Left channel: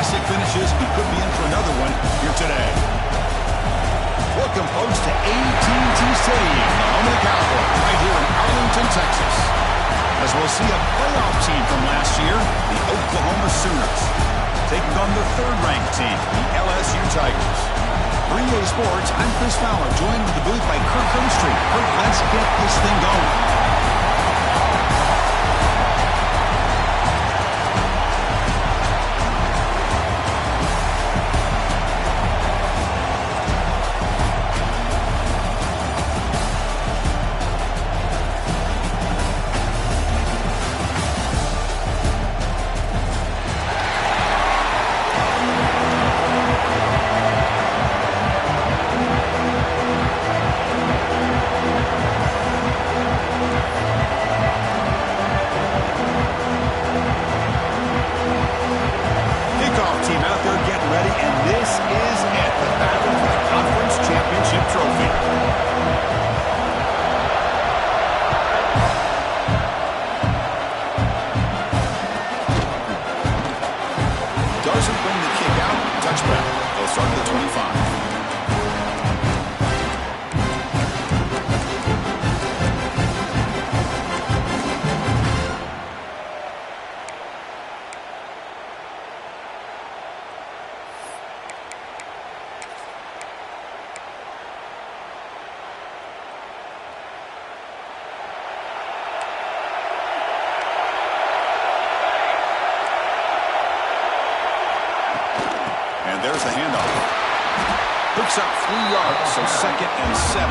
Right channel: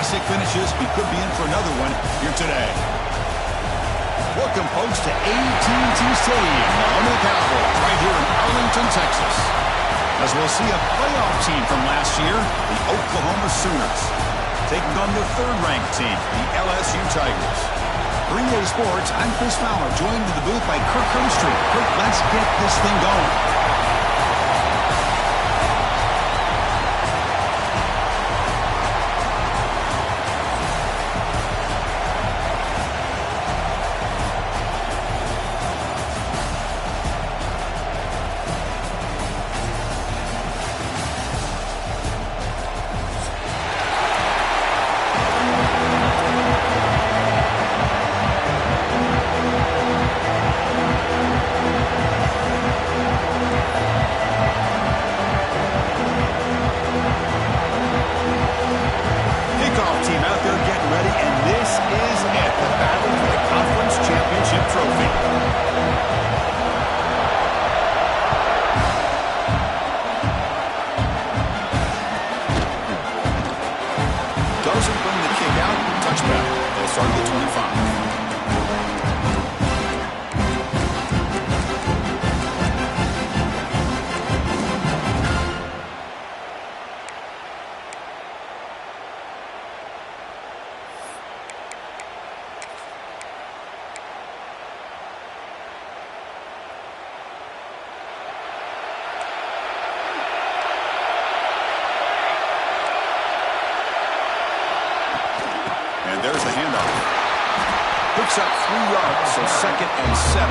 classic finishes, he could be in for another one here today. Welcome, folks, to AT&T Stadium, the home of the Cowboys, right here in Arlington, Texas. As we'll see a playoff team from last year, the Oklahoma Sooners, taking on the third-ranked team, the LSU Tigers. For EA Sports, I'm Chris Fowler, joined in the booth by Kirk Herbstreit. Kirk, let's get this thing going. Doesn't bring the kick out. Touchback. They'll start at the 25. And there's the handoff. Picks up 3 yards, so 2nd and 7.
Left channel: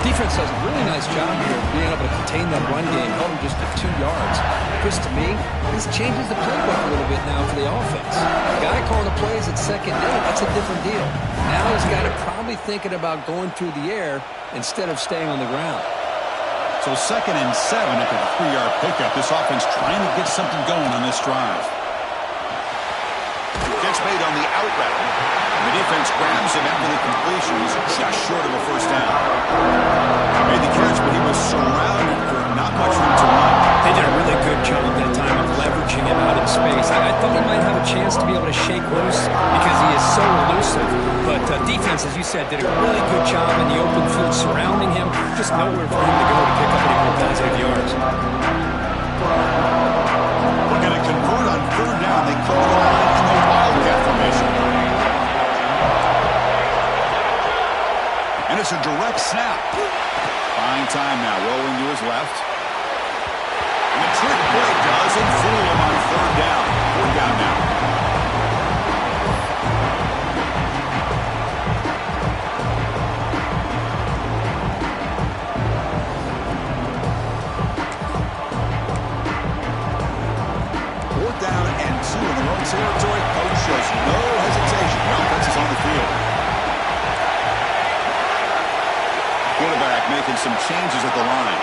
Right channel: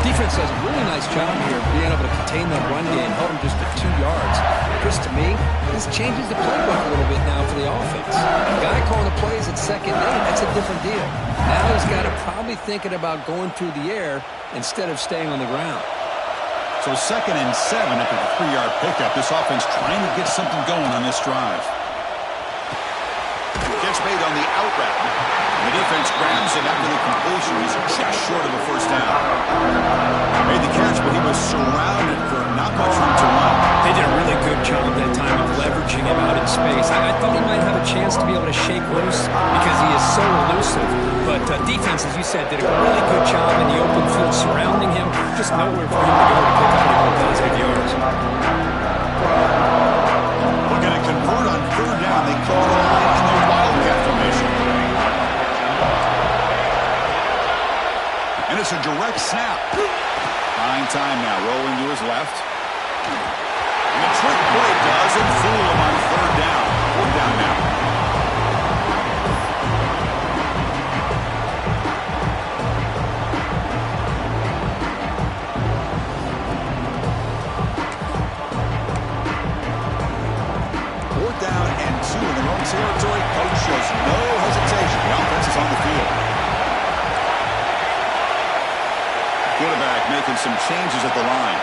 Defense does a really nice job here of being able to contain that run game, held him just at 2 yards. Chris, to me, this changes the playbook a little bit now for the offense. The guy calling the plays at 2nd and 8, that's a different deal. Now he's got to probably thinking about going through the air instead of staying on the ground. So 2nd and 7 after the 3-yard pickup. This offense trying to get something going on this drive. Catch made on the out route. The defense grabs him after the completion. He's just short of a first down. Made the catch, but he was surrounded for not much room to run. They did a really good job that time of leveraging him out in space. I thought he might have a chance to be able to shake loose because he is so elusive. But defense, as you said, did a really good job in the open field surrounding him. Just nowhere for him to go to pick up any more positive yards. Looking to convert on 3rd down. They call the line in the Wildcat formation. And it's a direct snap. Buying time now, rolling to his left. And the trick play doesn't fool him on 3rd down. 4th down now. Down and 2 in their own territory. Coach shows no hesitation. The offense is on the field. Quarterback making some changes at the line.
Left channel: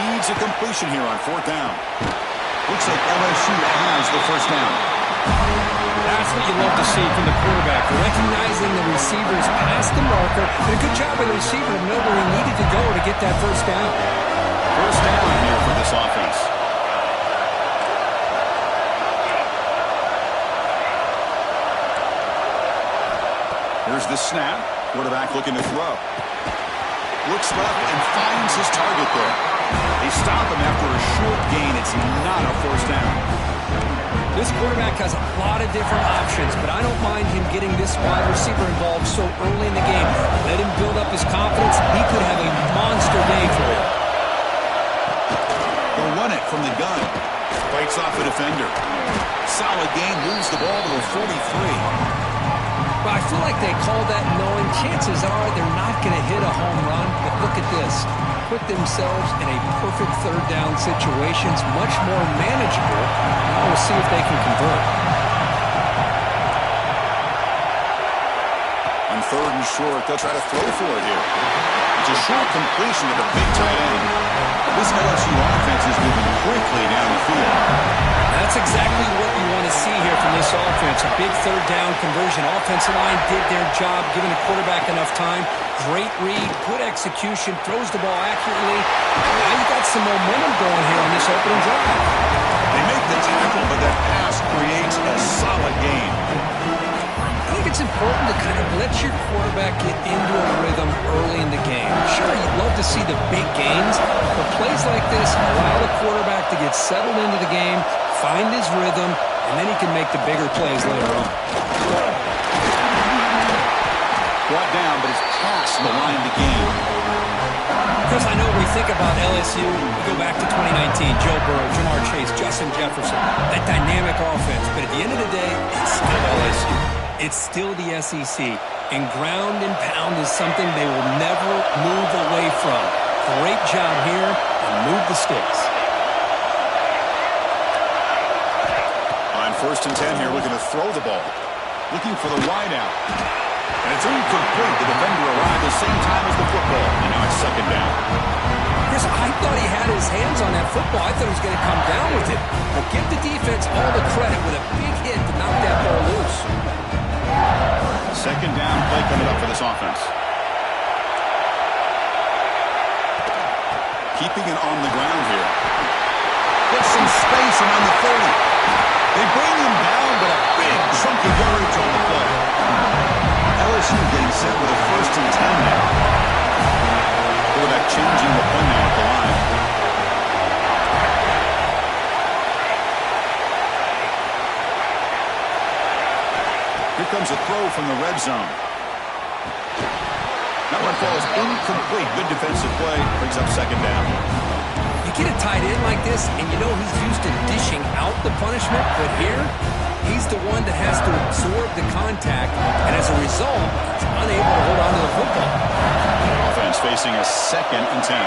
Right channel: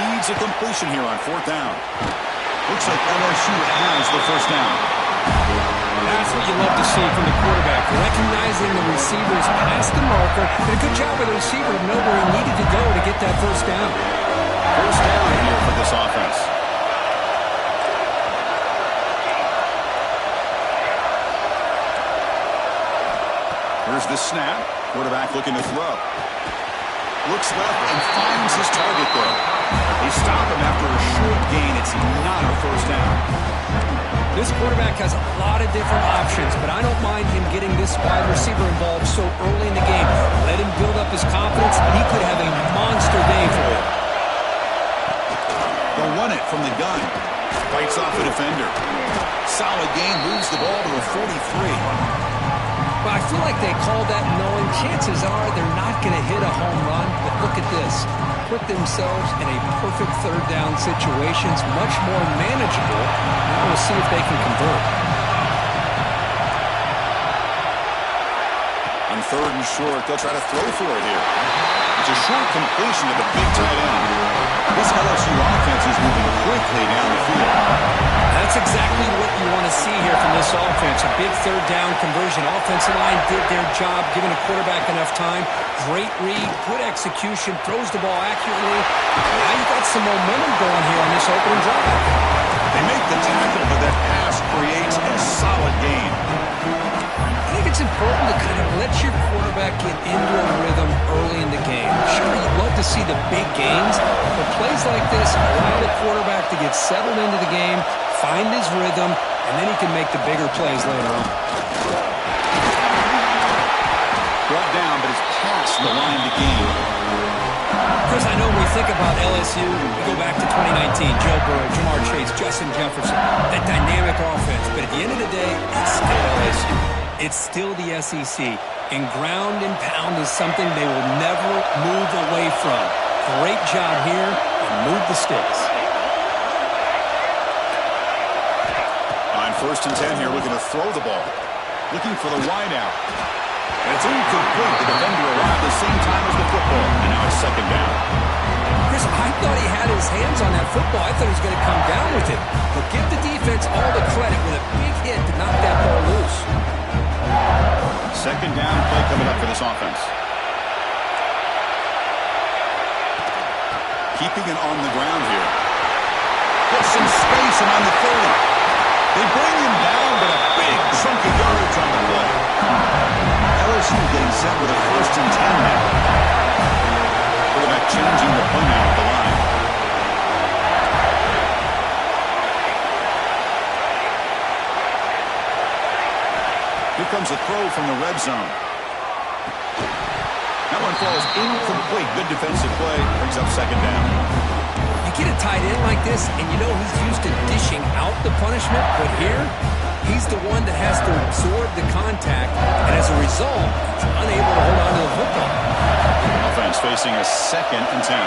Needs a completion here on 4th down. Looks like LSU has the first down. That's what you love to see from the quarterback. Recognizing the receiver's past the marker. Did a good job with the receiver to know where he needed to go to get that first down. First down here for this offense. Here's the snap. Quarterback looking to throw. Looks left and finds his target there. They stop him after a short gain. It's not a first down. This quarterback has a lot of different options, but I don't mind him getting this wide receiver involved so early in the game. Let him build up his confidence. He could have a monster day for you. They'll run it from the gun. Fights off a defender. Solid gain. Moves the ball to the 43. But I feel like they called that knowing chances are they're not going to hit a home run. But look at this. Put themselves in a perfect 3rd down situation. It's much more manageable. Now we'll see if they can convert. On 3rd and short, they'll try to throw for it here. It's a short completion to the big tight end. This LSU offense is moving quickly down the field. That's exactly what you want to see here from this offense. A big 3rd down conversion. Offensive line did their job, giving the quarterback enough time. Great read, good execution, throws the ball accurately. Now you got some momentum going here on this opening drive. They make the tackle, but that pass creates a solid gain. I think it's important to kind of let your quarterback get into a rhythm early in the game. Sure, you'd love to see the big gains, but plays like this allow the quarterback to get settled into the game, find his rhythm, and then he can make the bigger plays later on. Brought down, but it's past the line to gain. Chris, I know when we think about LSU, we go back to 2019, Joe Burrow, Jamar Chase, Justin Jefferson, that dynamic offense. But at the end of the day, it's still LSU. It's still the SEC. And ground and pound is something they will never move away from. Great job here, and move the sticks. On 1st and 10 here, looking to throw the ball. Looking for the wide out. And it's incomplete. The defender arrived at the same time as the football. And now it's 2nd down. Chris, I thought he had his hands on that football. I thought he was going to come down with it. But give the defense all the credit with a big hit to knock that ball loose. 2nd down play coming up for this offense. Keeping it on the ground here. Gets some space around the 30. They bring him down, but a big chunk of yardage on the play. LSU getting set with a 1st and 10 now. Quarterback changing the play now at the line. Here comes a throw from the red zone. That one falls incomplete. Good defensive play. Brings up 2nd down. You get a tight end like this, and you know he's used to dishing out the punishment, but here, he's the one that has to absorb the contact, and as a result, he's unable to hold on to the football. Offense facing a 2nd and 10.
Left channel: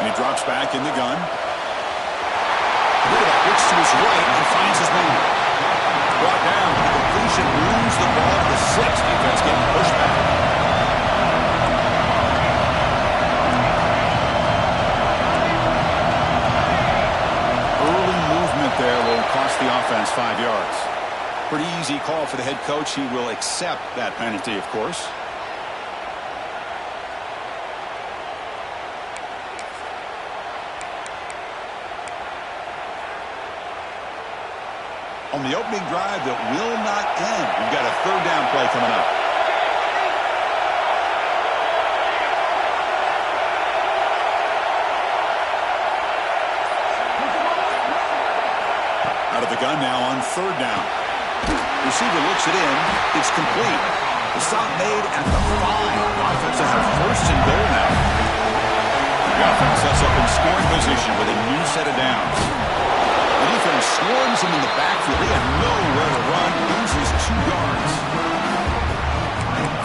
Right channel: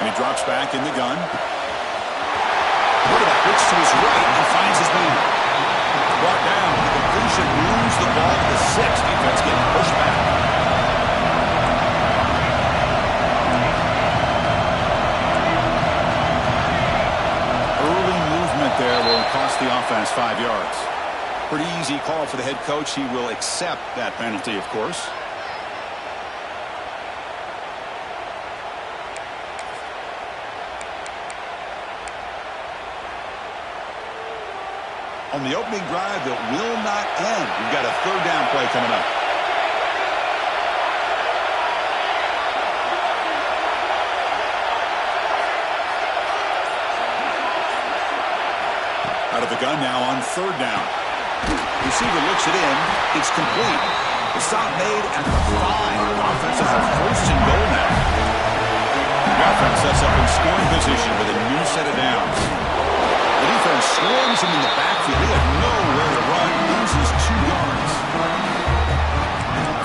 And he drops back in the gun. Quarterback looks to his right and finds his man. Brought down. The completion moves the ball to the 6. Defense getting pushed back. Early movement there will cost the offense 5 yards. Pretty easy call for the head coach. He will accept that penalty, of course. On the opening drive that will not end. We've got a 3rd down play coming up. Out of the gun now on 3rd down. Receiver looks it in. It's complete. The stop made at the 5. The offense will have 1st and goal now. The offense sets up in scoring position with a new set of downs. The defense swarms him in the backfield. They have nowhere to run. Loses 2 yards.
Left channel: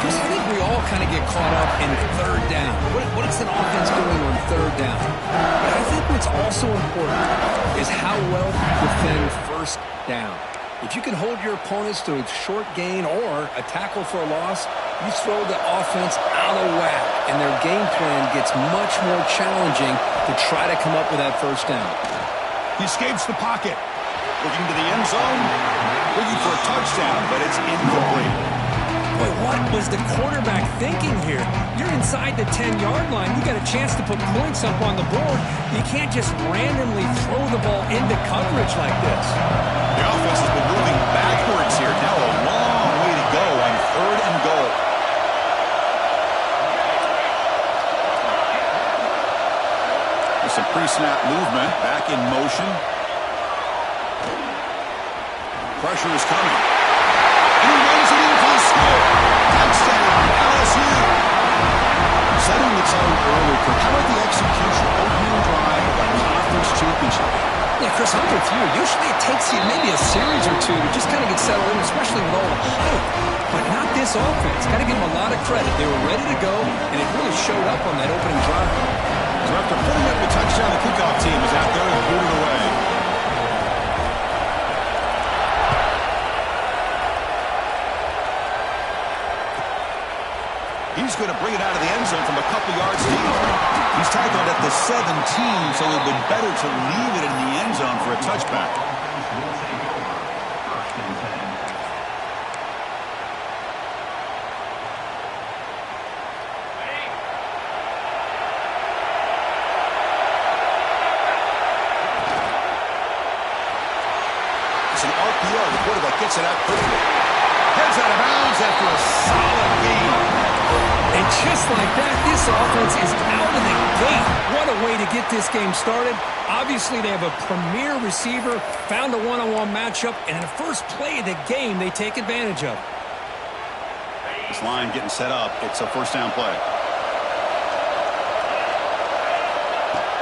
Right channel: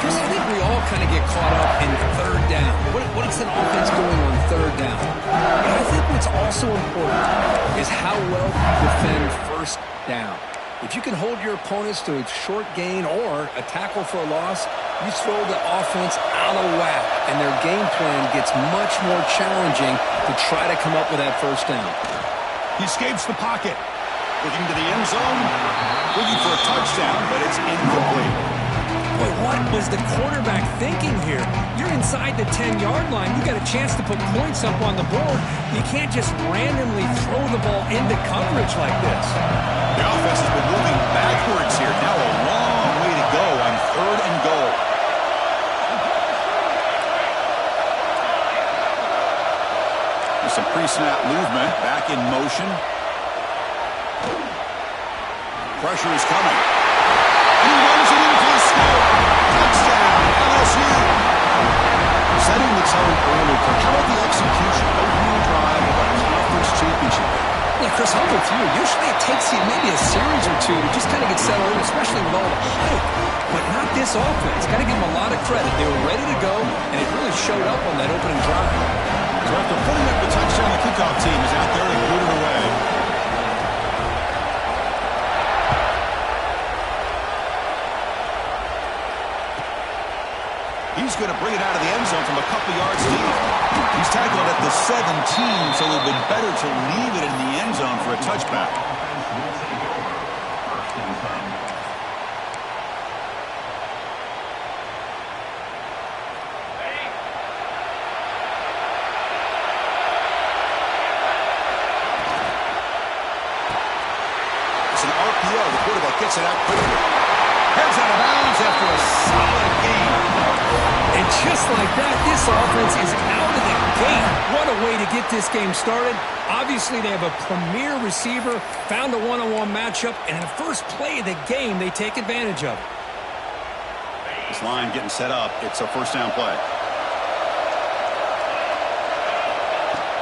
Chris, I think we all kind of get caught up in 3rd down. What is an offense doing on 3rd down? But I think what's also important is how well you defend 1st down. If you can hold your opponents to a short gain or a tackle for a loss, you throw the offense out of whack, and their game plan gets much more challenging to try to come up with that 1st down. He escapes the pocket. Looking to the end zone. Looking for a touchdown, but it's incomplete. Boy, what was the quarterback thinking here? You're inside the 10-yard line. You got a chance to put points up on the board. You can't just randomly throw the ball into coverage like this. The offense has been moving backwards here. Now a long way to go on 3rd and goal. There's some pre-snap movement. Back in motion. Pressure is coming. And he runs it in for the score. Touchdown, LSU. Setting the tone early for how about the execution? Opening drive of a conference championship. Yeah, Chris, I'm with you. Usually it takes you maybe a series or two to just kind of get settled in, especially with all the hype. But not this offense. Got to give them a lot of credit. They were ready to go, and it really showed up on that opening drive. So after putting up the touchdown, the kickoff team is out there to boot it away. He's going to bring it out of the end zone from a couple yards deep. He's tackled at the 17, so it would have been better to leave it in the end zone for a touchback. RPO. The quarterback gets it out quickly. Heads out of bounds after a solid gain. And just like that, this offense is out of the gate. What a way to get this game started. Obviously, they have a premier receiver, found a one-on-one matchup, and in the first play of the game, they take advantage of it. This line getting set up. It's a first down play.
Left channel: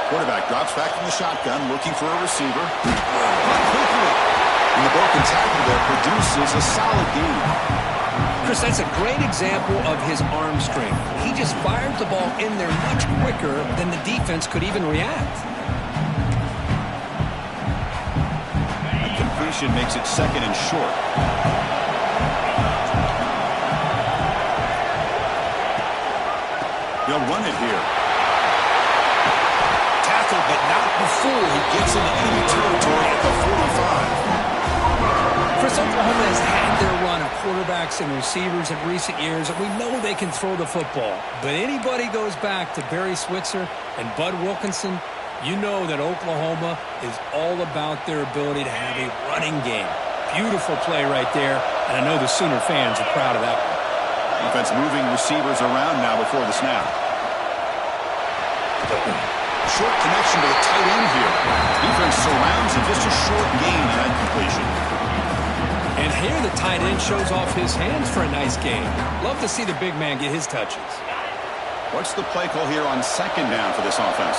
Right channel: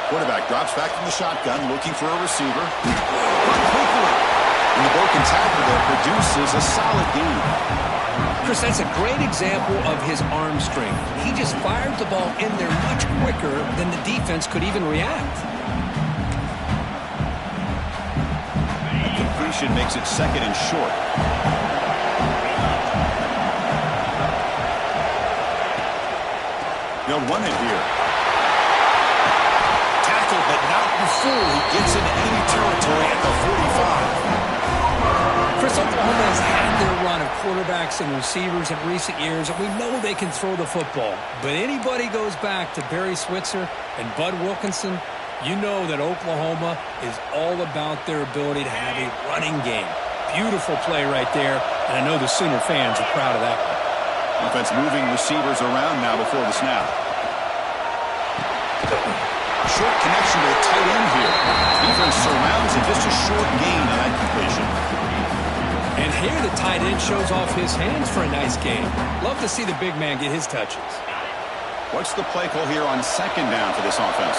Quarterback drops back from the shotgun, looking for a receiver. Run quickly. And the broken tackle there produces a solid gain. Chris, that's a great example of his arm strength. He just fired the ball in there much quicker than the defense could even react. That completion makes it second and short. They'll run it here. Tackled, but not before he gets into enemy territory at the 45. Chris, Oklahoma has had their run of quarterbacks and receivers in recent years, and we know they can throw the football. But anybody goes back to Barry Switzer and Bud Wilkinson, you know that Oklahoma is all about their ability to have a running game. Beautiful play right there, and I know the Sooner fans are proud of that one. Offense moving receivers around now before the snap. Short connection to the tight end here. Defense surrounds him. Just a short gain on that completion. And here the tight end shows off his hands for a nice gain. Love to see the big man get his touches. What's the play call here on second down for this offense?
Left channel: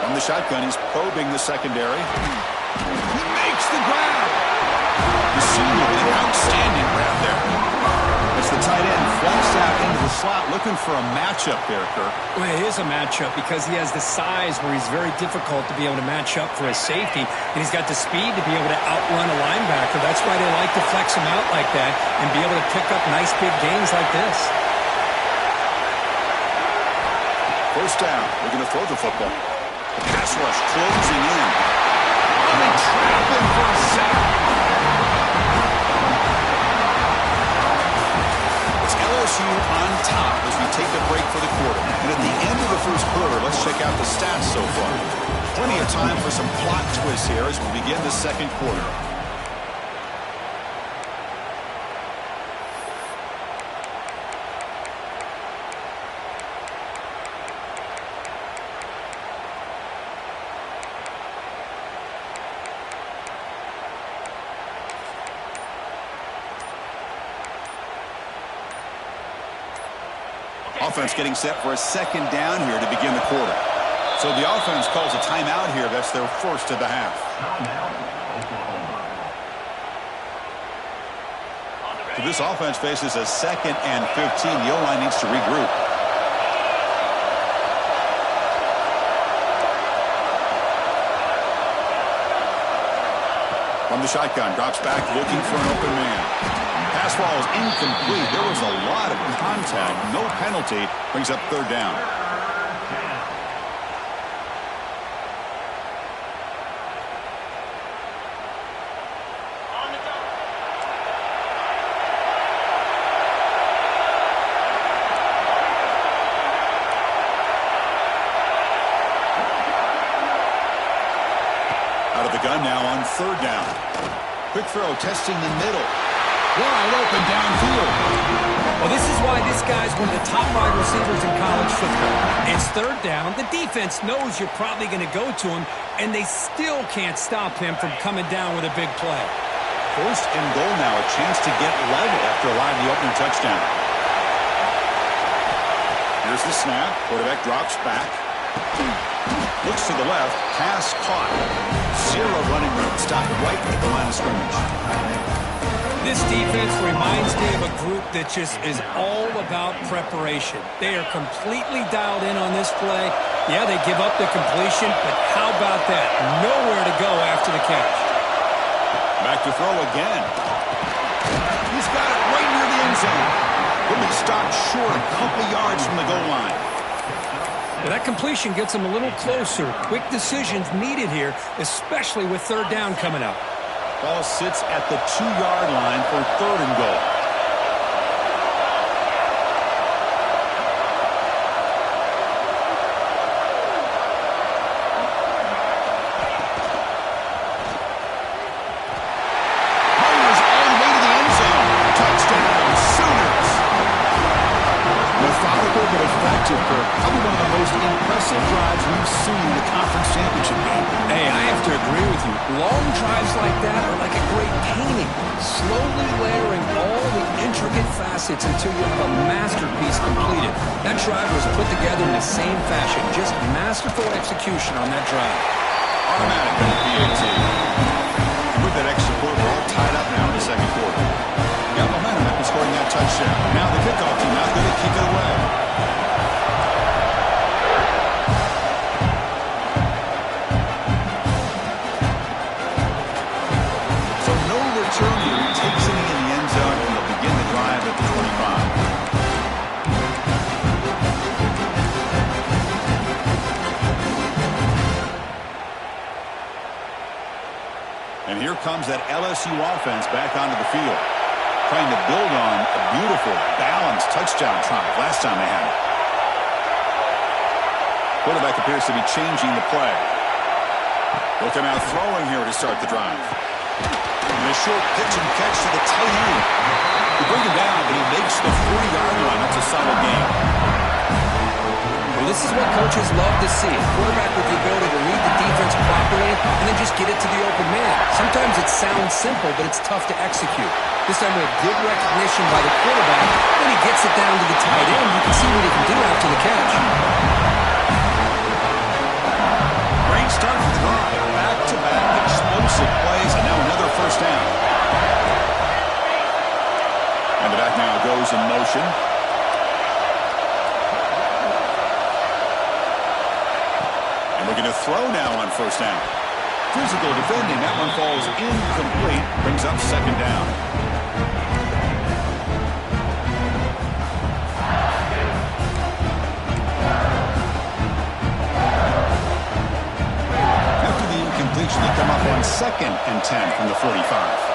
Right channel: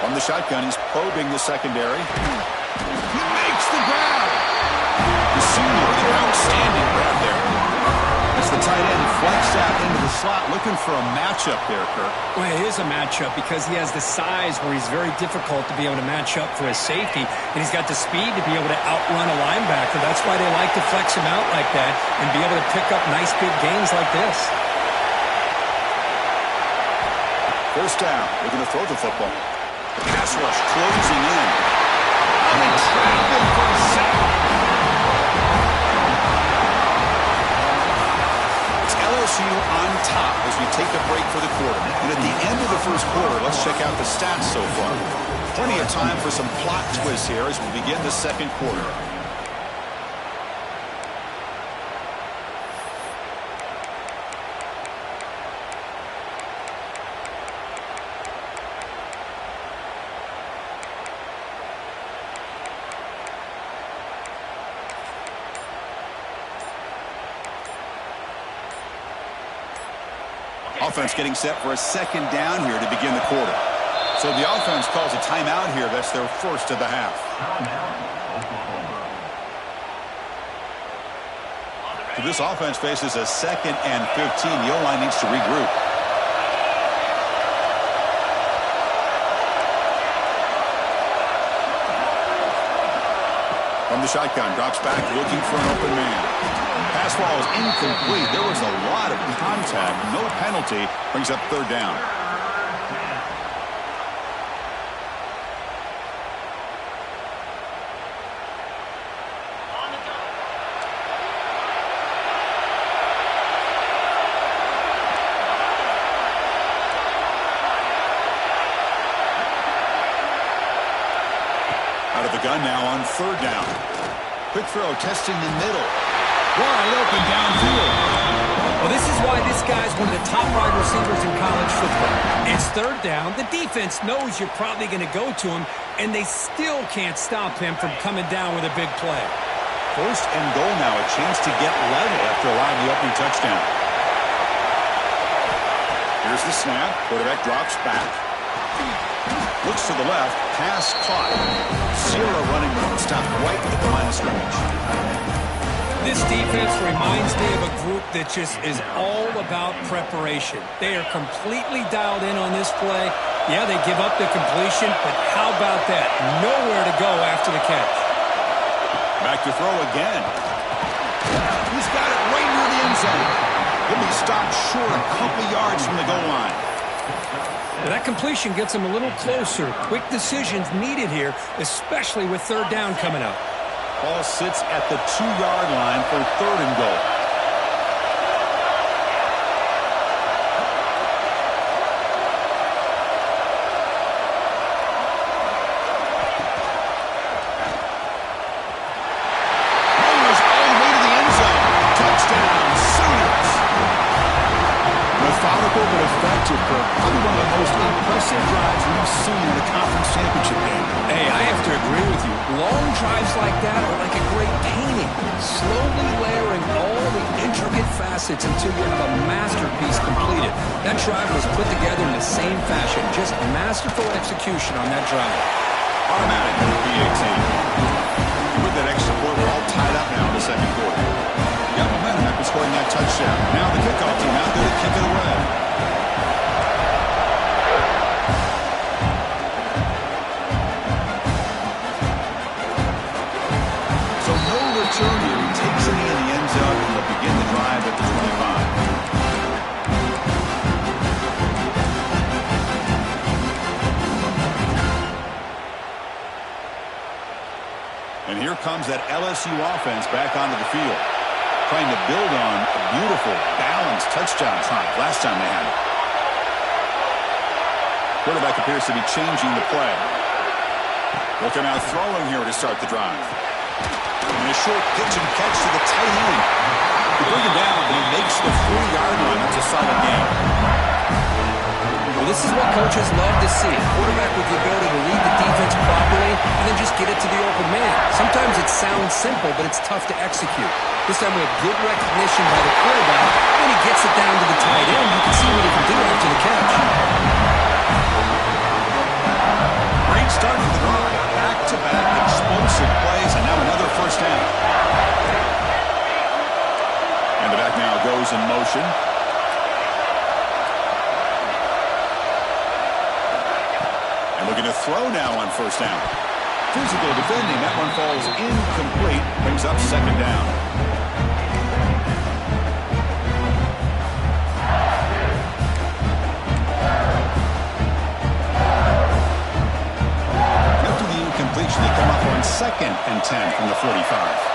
From the shotgun, he's probing the secondary. He makes the grab. The senior with an outstanding grab there. That's the tight end flexed out into the slot, looking for a matchup there, Kirk. Well, it is a matchup because he has the size where he's very difficult to be able to match up for his safety, and he's got the speed to be able to outrun a linebacker. That's why they like to flex him out like that and be able to pick up nice big gains like this. First down, looking to throw the football. The pass rush closing in. Oh, they trap him for a sack. It's LSU on top as we take a break for the quarter. And at the end of the first quarter, let's check out the stats so far. Plenty of time for some plot twists here as we begin the second quarter. Offense getting set for a second down here to begin the quarter. So the offense calls a timeout here. That's their first of the half. So this offense faces a 2nd and 15. The O-line needs to regroup. From the shotgun, drops back looking for an open man. Pass ball is incomplete. There was a lot of contact. No penalty. Brings up third down. Out of the gun now on third down. Quick throw testing the middle. Wide open downfield. Well, this is why this guy's one of the top wide receivers in college football. It's third down. The defense knows you're probably going to go to him, and they still can't stop him from coming down with a big play. First and goal now. A chance to get level after allowing the opening touchdown. Here's the snap. Quarterback drops back. Looks to the left. Pass caught. Zero running room. Stopped right at the line of scrimmage. This defense reminds me of a group that just is all about preparation. They are completely dialed in on this play. Yeah, they give up the completion, but how about that? Nowhere to go after the catch. Back to throw again. He's got it right near the end zone. He'll be stopped short a couple yards from the goal line. Now, that completion gets him a little closer. Quick decisions needed here, especially with third down coming up. Ball sits at the 2-yard line for third and goal. but effective, Kirk. Probably one of the most impressive drives we've seen in the conference championship game. Hey, I have to agree with you. Long drives like that are like a great painting, slowly layering all the intricate facets until you have a masterpiece completed. That drive was put together in the same fashion, just masterful execution on that drive. Automatic on the PAT. And with that extra point, we're all tied up now in the second quarter. Got momentum after scoring that touchdown. Now the kickoff team out there to kick it away. So no return here. He takes it in the end zone, and they'll begin the drive at the 25. And here comes that LSU offense back onto the field, trying to build on a beautiful, balanced touchdown drive last time they had it. Quarterback appears to be changing the play. They'll come out throwing here to start the drive. And a short pitch and catch to the tight end. They bring him down, but he makes the 40-yard line. That's a solid game. Well, this is what coaches love to see. A quarterback with the ability to read the defense properly and then just get it to the open man. Sometimes it sounds simple, but it's tough to execute. This time we have good recognition by the quarterback. Then he gets it down to the tight end. You can see what he can do after the catch. Great start for the drive. Back-to-back explosive plays, and now another first down. And the back now goes in motion. And looking to throw now on first down. Physical defending. That one falls incomplete. Brings up second down. After the incompletion, they come up on 2nd and 10 from the 45.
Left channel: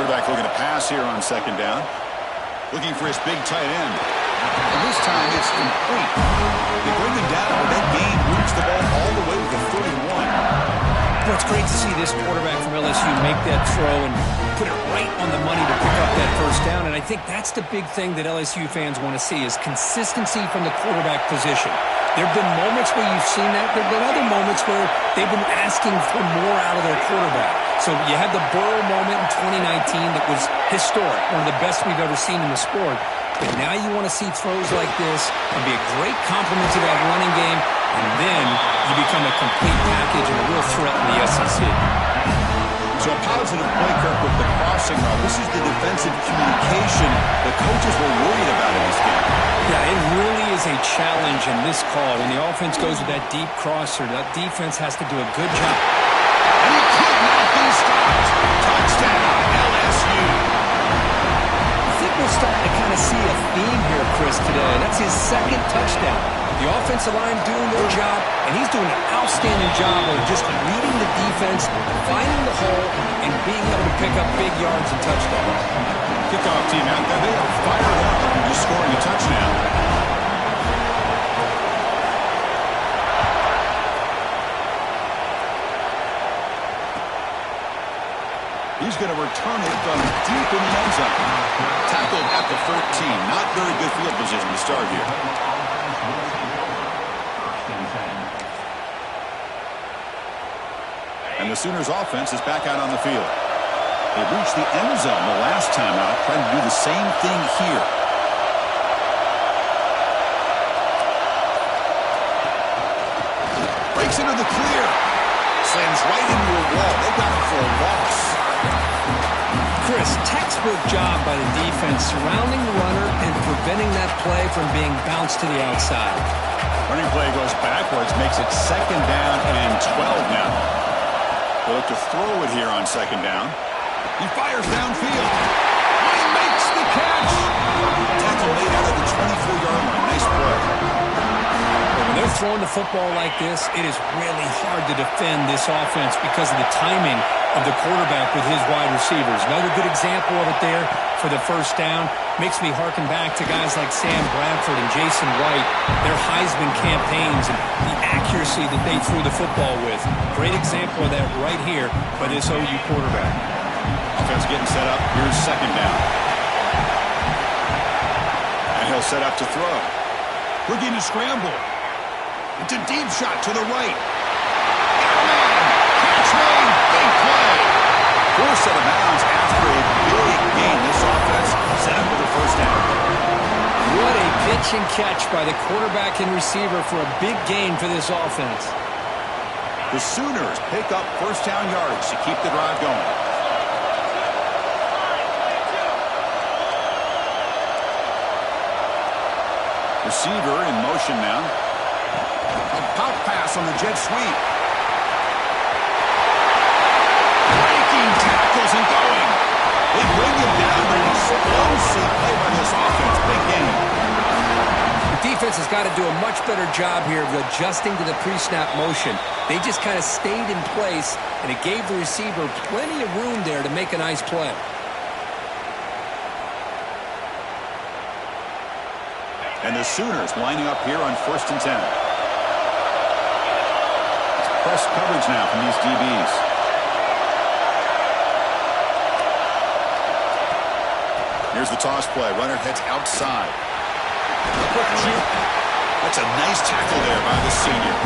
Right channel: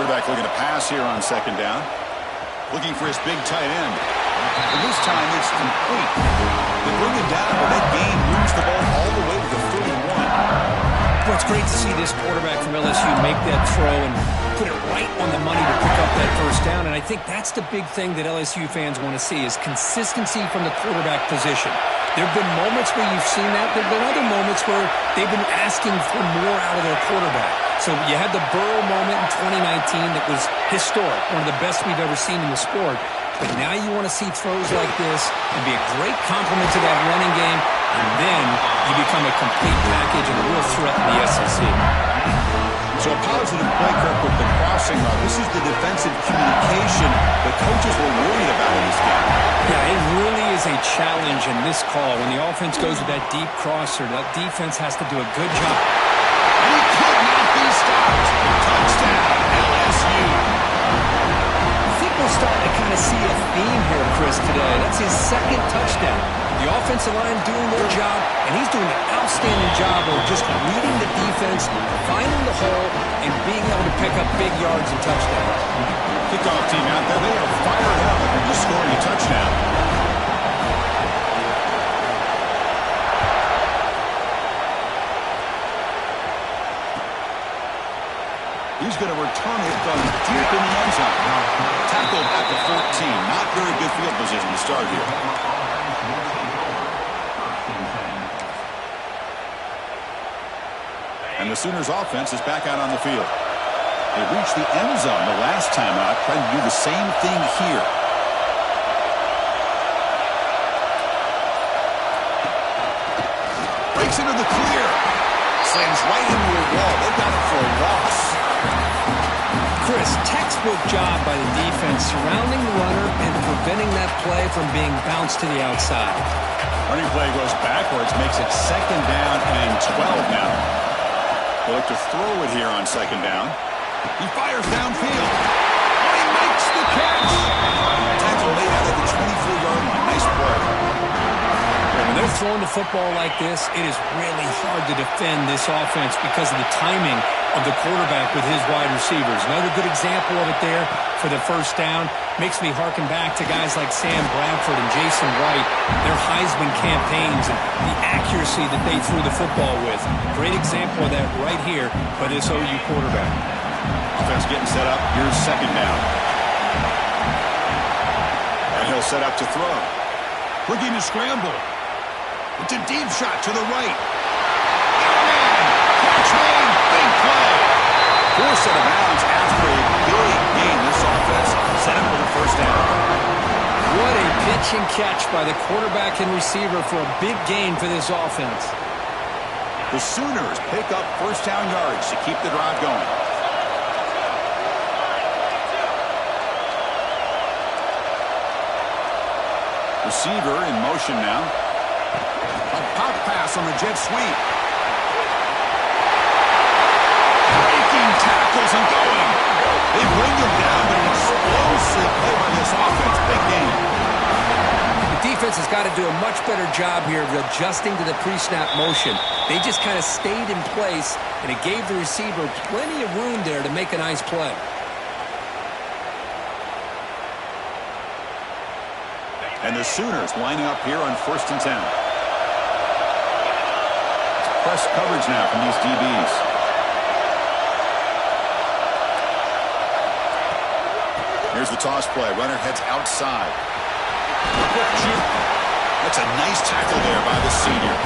Quarterback looking to pass here on second down. Looking for his big tight end. And this time it's complete. They bring him down, but that gain moves the ball all the way to the 31. Well, it's great to see this quarterback from LSU make that throw and put it right on the money to pick up that first down. And I think that's the big thing that LSU fans want to see is consistency from the quarterback position. There have been moments where you've seen that. There have been other moments where they've been asking for more out of their quarterback. So you had the Burrow moment in 2019 that was historic, one of the best we've ever seen in the sport. But now you want to see throws like this and be a great complement to that running game, and then you become a complete package and a real threat in the SEC. So a positive play, Kirk, with the crossing route. This is the defensive communication the coaches were worried about in this game. Yeah, it really is a challenge in this call. When the offense goes with that deep crosser, that defense has to do a good job. And he could not be stopped. Touchdown, LSU. I think we're starting to kind of see a theme here, Chris, today. That's his second touchdown. The offensive line doing their job, and he's doing an outstanding job of just reading the defense, finding the hole, and being able to pick up big yards and touchdowns. Kickoff team out there, they are fired up after just scoring a touchdown. He's going to return it from deep in the end zone. Tackled at the 14. Not very good field position to start here. And the Sooners offense is back out on the field. They reached the end zone the last time out, trying to do the same thing here. Breaks into the clear. Slams right into a wall. They got it for a loss. Chris, textbook job by the defense surrounding the runner and preventing that play from being bounced to the outside. Running play goes backwards, makes it 2nd down and 12 now. They look to throw it here on 2nd down. He fires downfield. Oh, he makes the catch. Tackle made out of the 24-yard line. Nice play. But when they're throwing the football like this, it is really hard to defend this offense because of the timing of the quarterback with his wide receivers. Another good example of it there for the first down. Makes me harken back to guys like Sam Bradford and Jason White, their Heisman campaigns and the accuracy that they threw the football with. Great example of that right here by this OU quarterback. Offense getting set up. Here's second down. And he'll set up to throw. Looking to scramble. It's a deep shot to the right. Got a man. Catch made. Big play. Forced out of bounds after a big gain. This offense set up with a first down. What a pitch and catch by the quarterback and receiver for a big gain for this offense. The Sooners pick up first down yards to keep the drive going. Receiver in motion now. A pop pass on the jet sweep. Breaking tackles and going. They bring him down, but an explosive play by this offense. Big game. The defense has got to do a much better job here of adjusting to the pre-snap motion. They just kind of stayed in place, and it gave the receiver plenty of room there to make a nice play. And the Sooners lining up here on 1st and 10. It's press coverage now from these DBs. Here's the toss play. Runner heads outside. Quick juke. That's a nice tackle there by the senior.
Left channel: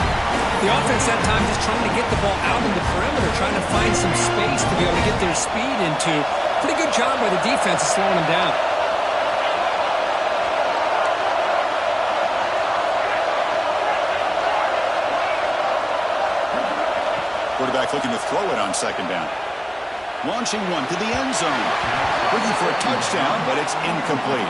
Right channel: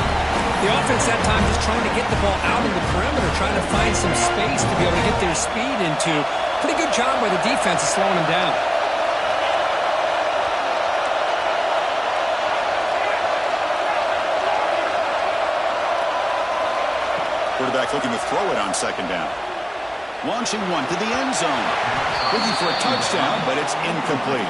The offense that time just trying to get the ball out in the perimeter, trying to find some space to be able to get their speed into. Pretty good job by the defense of slowing them down. Quarterback looking to throw it on second down. Launching one to the end zone. Looking for a touchdown, but it's incomplete.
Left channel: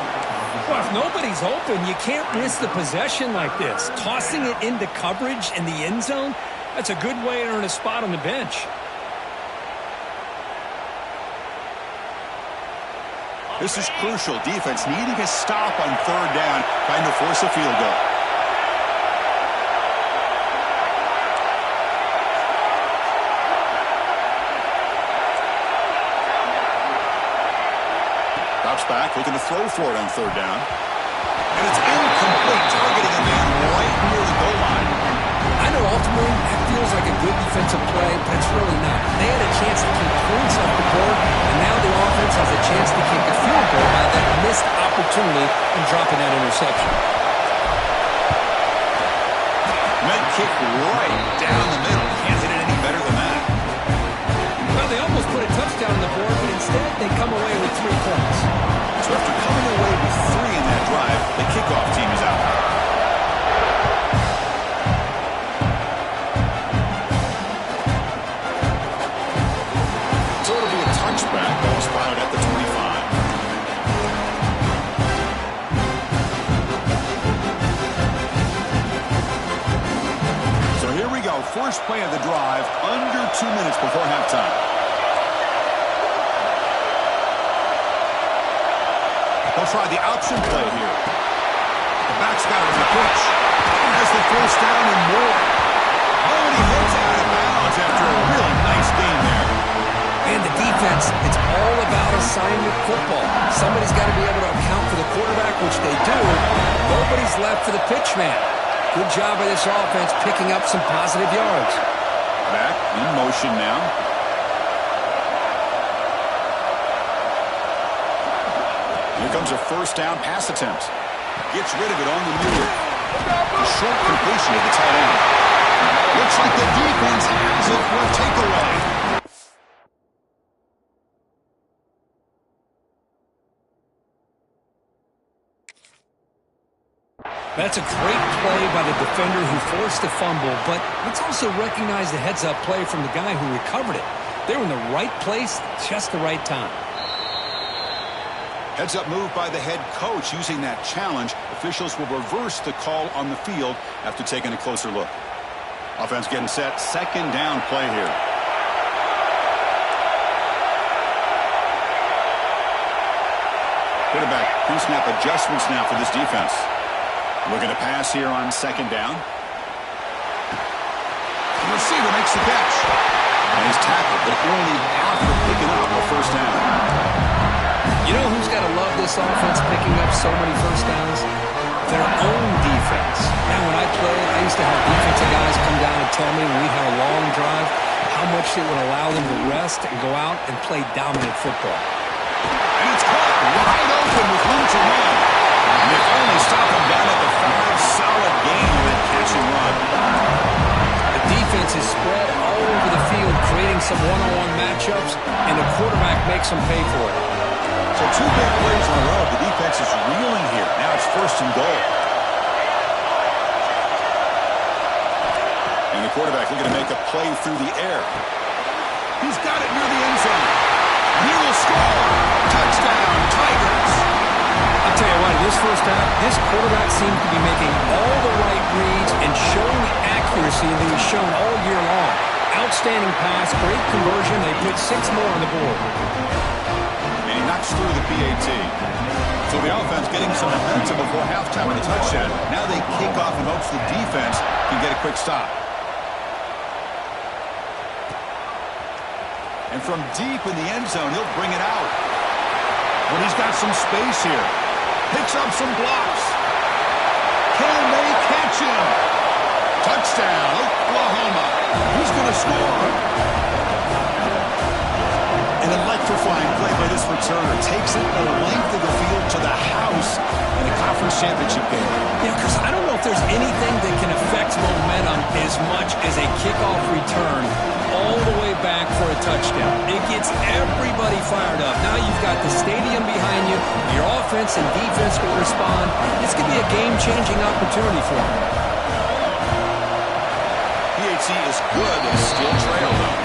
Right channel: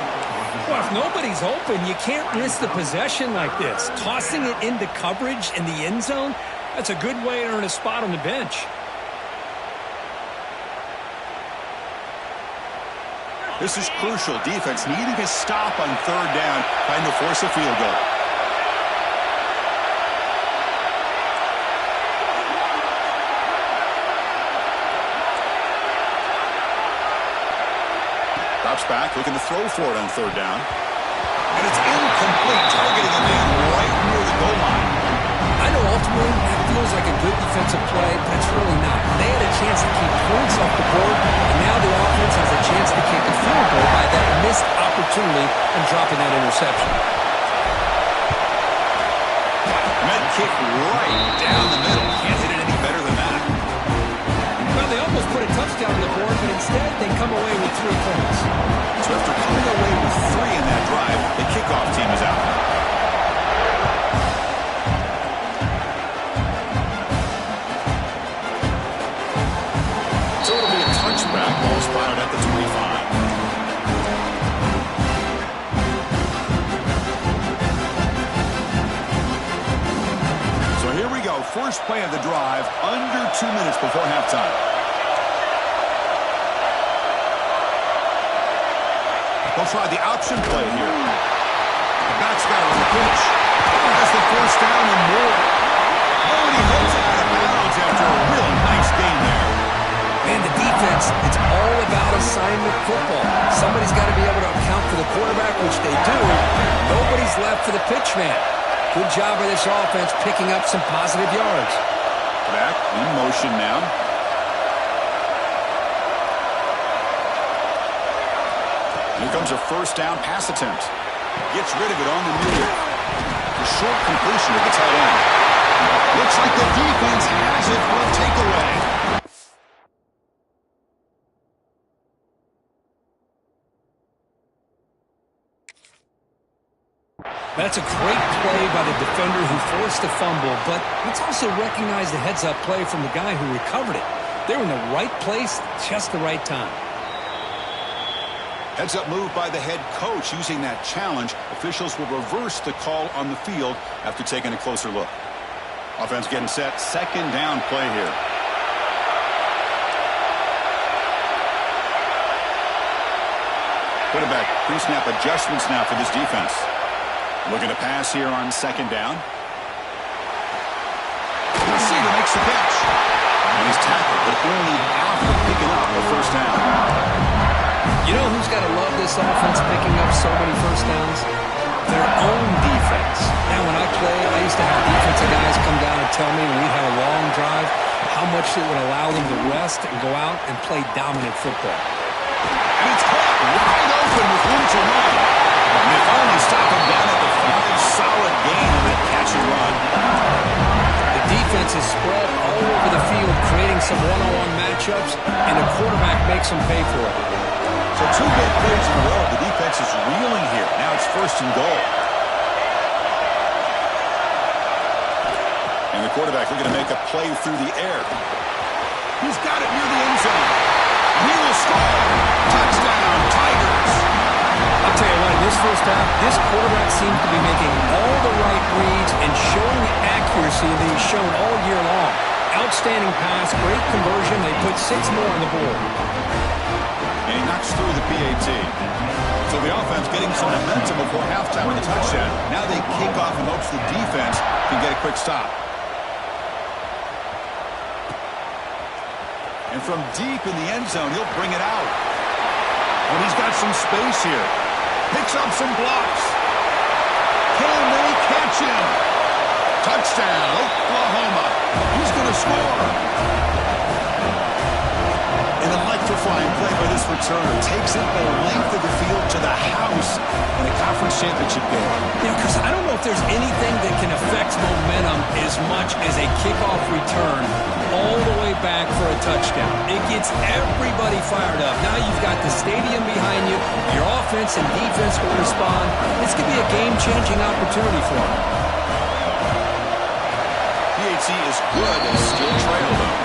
Well, if nobody's open, you can't risk the possession like this. Tossing it into coverage in the end zone, that's a good way to earn a spot on the bench. This is crucial. Defense needing a stop on third down, trying to force a field goal. Drops back, looking to throw for it on third down. And it's incomplete, targeting a man right near the goal line. I know ultimately that feels like a good defensive play, but it's really not. They had a chance to keep points off the board, and now the offense has a chance to kick a field goal by that missed opportunity and dropping that interception. Med kick right down the middle. Can't hit it any better than that. Well, they almost put a touchdown on the board, but instead they come away with 3 points. So after coming away with 3 in that drive, the kickoff team is out. So it'll be a touchback. Ball spotted at the 25. So here we go. First play of the drive, under 2 minutes before halftime. They'll try the option play here. The back's got it on the pitch. Has the first down and more. Oh, and he heads out of bounds after a really nice game there. And the defense, it's all about assignment football. Somebody's got to be able to account for the quarterback, which they do. Nobody's left for the pitch man. Good job by this offense picking up some positive yards. Back in motion now. Here comes a first down pass attempt. Gets rid of it on the move. A short completion to the tight end. Looks like the defense has it for a takeaway. That's a great play by the defender who forced the fumble, but let's also recognize the heads-up play from the guy who recovered it. They were in the right place, just the right time. Heads-up move by the head coach using that challenge. Officials will reverse the call on the field after taking a closer look. Offense getting set. Second down play here. Quarterback pre-snap adjustments now for this defense. Looking to pass here on second down. receiver makes the catch. And he's tackled, but only after picking up a first down. You know who's got to love this offense picking up so many first downs? Their own defense. Now, when I played, I used to have defensive guys come down and tell me when we'd have a long drive how much it would allow them to rest and go out and play dominant football. And it's caught wide open with room to run. And they finally stop him down at the 5. Solid gain on that catch and run. The defense is spread all over the field, creating some one-on-one matchups, and the quarterback makes them pay for it. So 2 big plays in a row. The defense is reeling here. Now it's 1st and goal. And the quarterback looking to make a play through the air. He's got it near the end zone. And he will score. Touchdown, Tigers. I'll tell you what, in this first half, this quarterback seems to be making all the right reads and showing the accuracy that he's shown all year long. Outstanding pass, great conversion. They put 6 more on the board. And he knocks through the PAT. So the offense getting some momentum before halftime with a touchdown. Now they kick off in hopes the defense can get a quick stop. And from deep in the end zone, he'll bring it out. When he's got some space here. Picks up some blocks. Can they catch him? Touchdown, Oklahoma. He's going to score. An electrifying play by this returner. Takes it the length of the field to the house in a conference championship game. You know, Chris, I don't know if there's anything that can affect momentum as much as a kickoff return all the way back for a touchdown. It gets everybody fired up. Now you've got the stadium behind you. Your offense and defense will respond. This could be a game-changing opportunity for them. PAT is good. They still trail, though.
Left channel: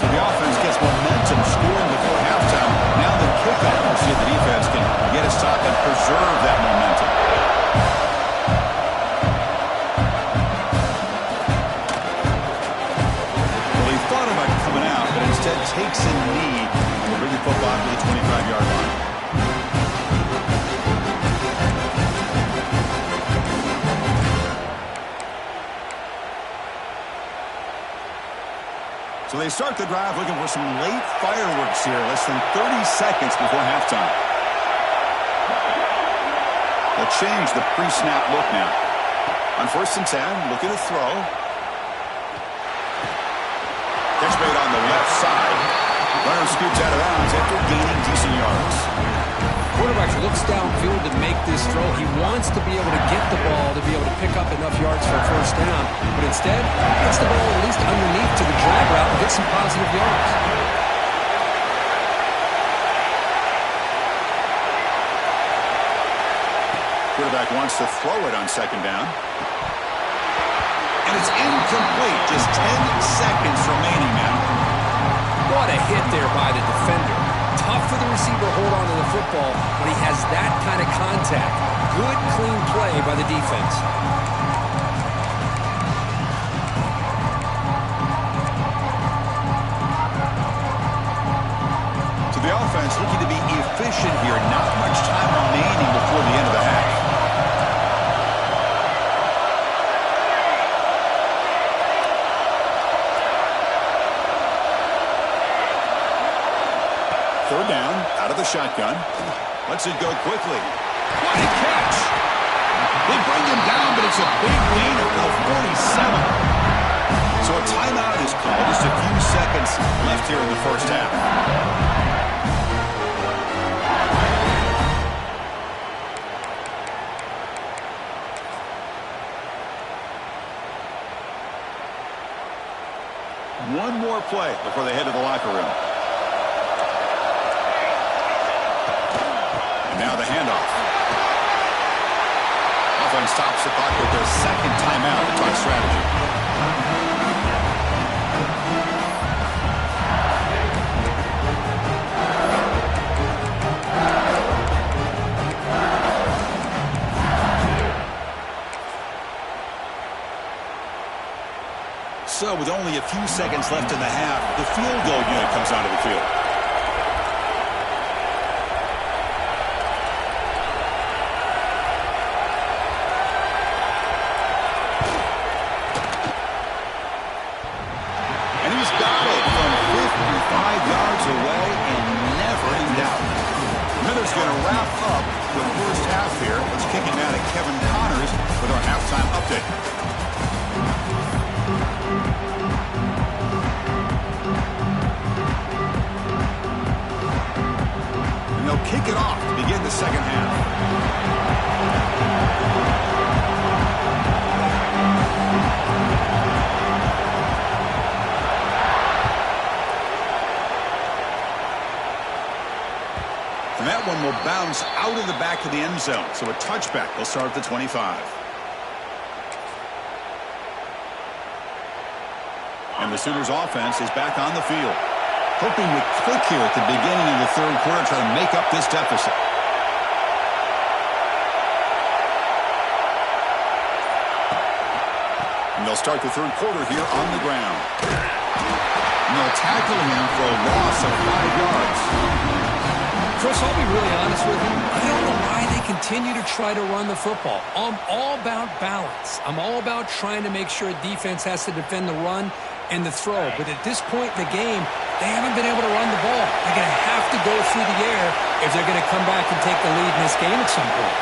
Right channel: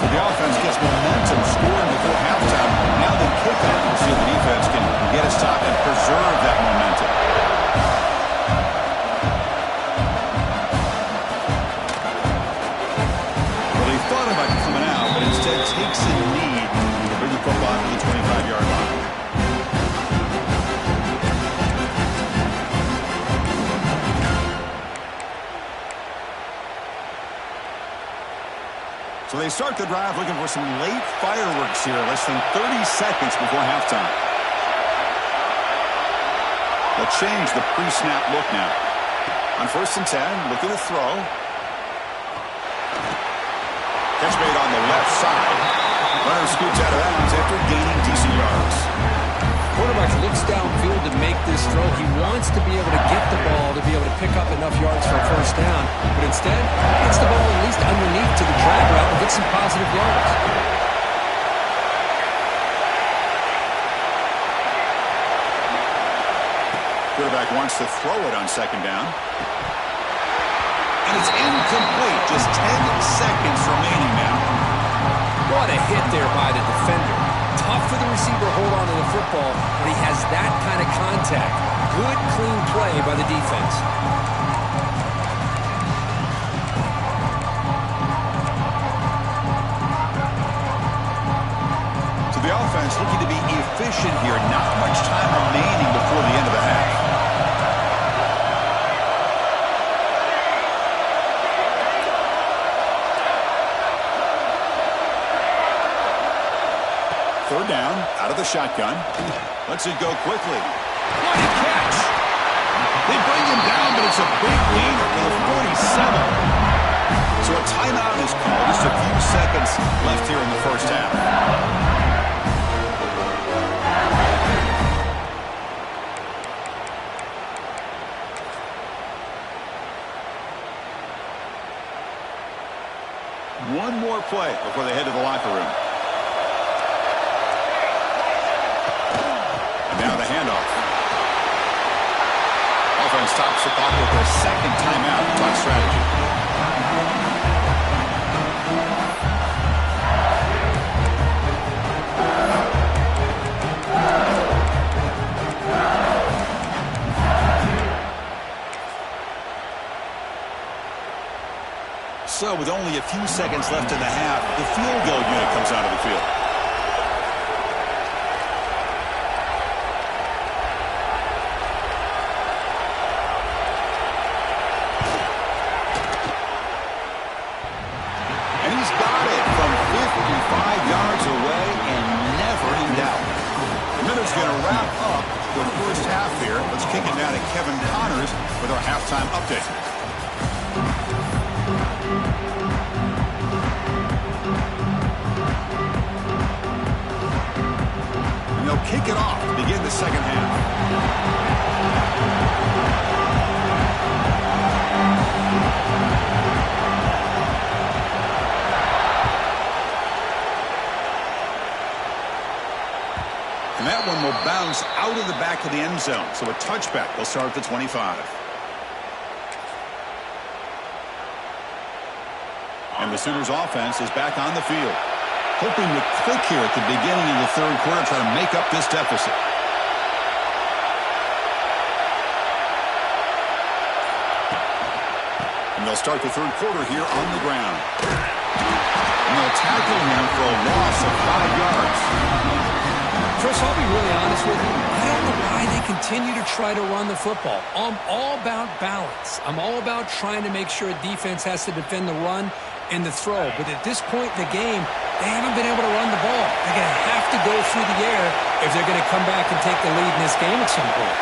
So the offense gets momentum scoring before halftime. Now the kickoff. We'll see if the defense can get a stop and preserve that momentum. Thought about coming out, but instead takes a knee to bring the football to the 25-yard line. So they start the drive looking for some late fireworks here, less than 30 seconds before halftime. They'll change the pre-snap look now. On 1st and 10, looking to throw. Catch made on the left side. Runner scoots out of bounds after gaining decent yards. Quarterback looks downfield to make this throw. He wants to be able to get the ball to be able to pick up enough yards for a first down. But instead, he gets the ball at least underneath to the drag route and gets some positive yards. Quarterback wants to throw it on 2nd down. And it's incomplete. Just 10 seconds remaining now. What a hit there by the defender. Tough for the receiver to hold on to the football, but he has that kind of contact. Good, clean play by the defense. So the offense looking to be efficient here. Not much time remaining before the end of the half. 3rd down, out of the shotgun. Lets it go quickly. What a catch! They bring him down, but it's a big gainer to the 47. So a timeout is called. Just a few seconds left here in the first half. One more play before they head to the locker room. And now the handoff. Offense stops the clock with their 2nd timeout to talk strategy. So with only a few seconds left in the half, the field goal unit comes onto the field. out of Kevin Connors with our halftime update. And they'll kick it off to begin the second half. And that one will bounce out of the back of the end zone. So a touchback. They'll start at the 25. And the Sooners offense is back on the field. Hoping to click here at the beginning of the third quarter, try to make up this deficit. And they'll start the third quarter here on the ground. And they'll tackle him for a loss of 5 yards. Chris, I'll be really honest with you. I don't know why they continue to try to run the football. I'm all about balance. I'm all about trying to make sure a defense has to defend the run and the throw. But at this point in the game, they haven't been able to run the ball. They're going to have to go through the air if they're going to come back and take the lead in this game at some point.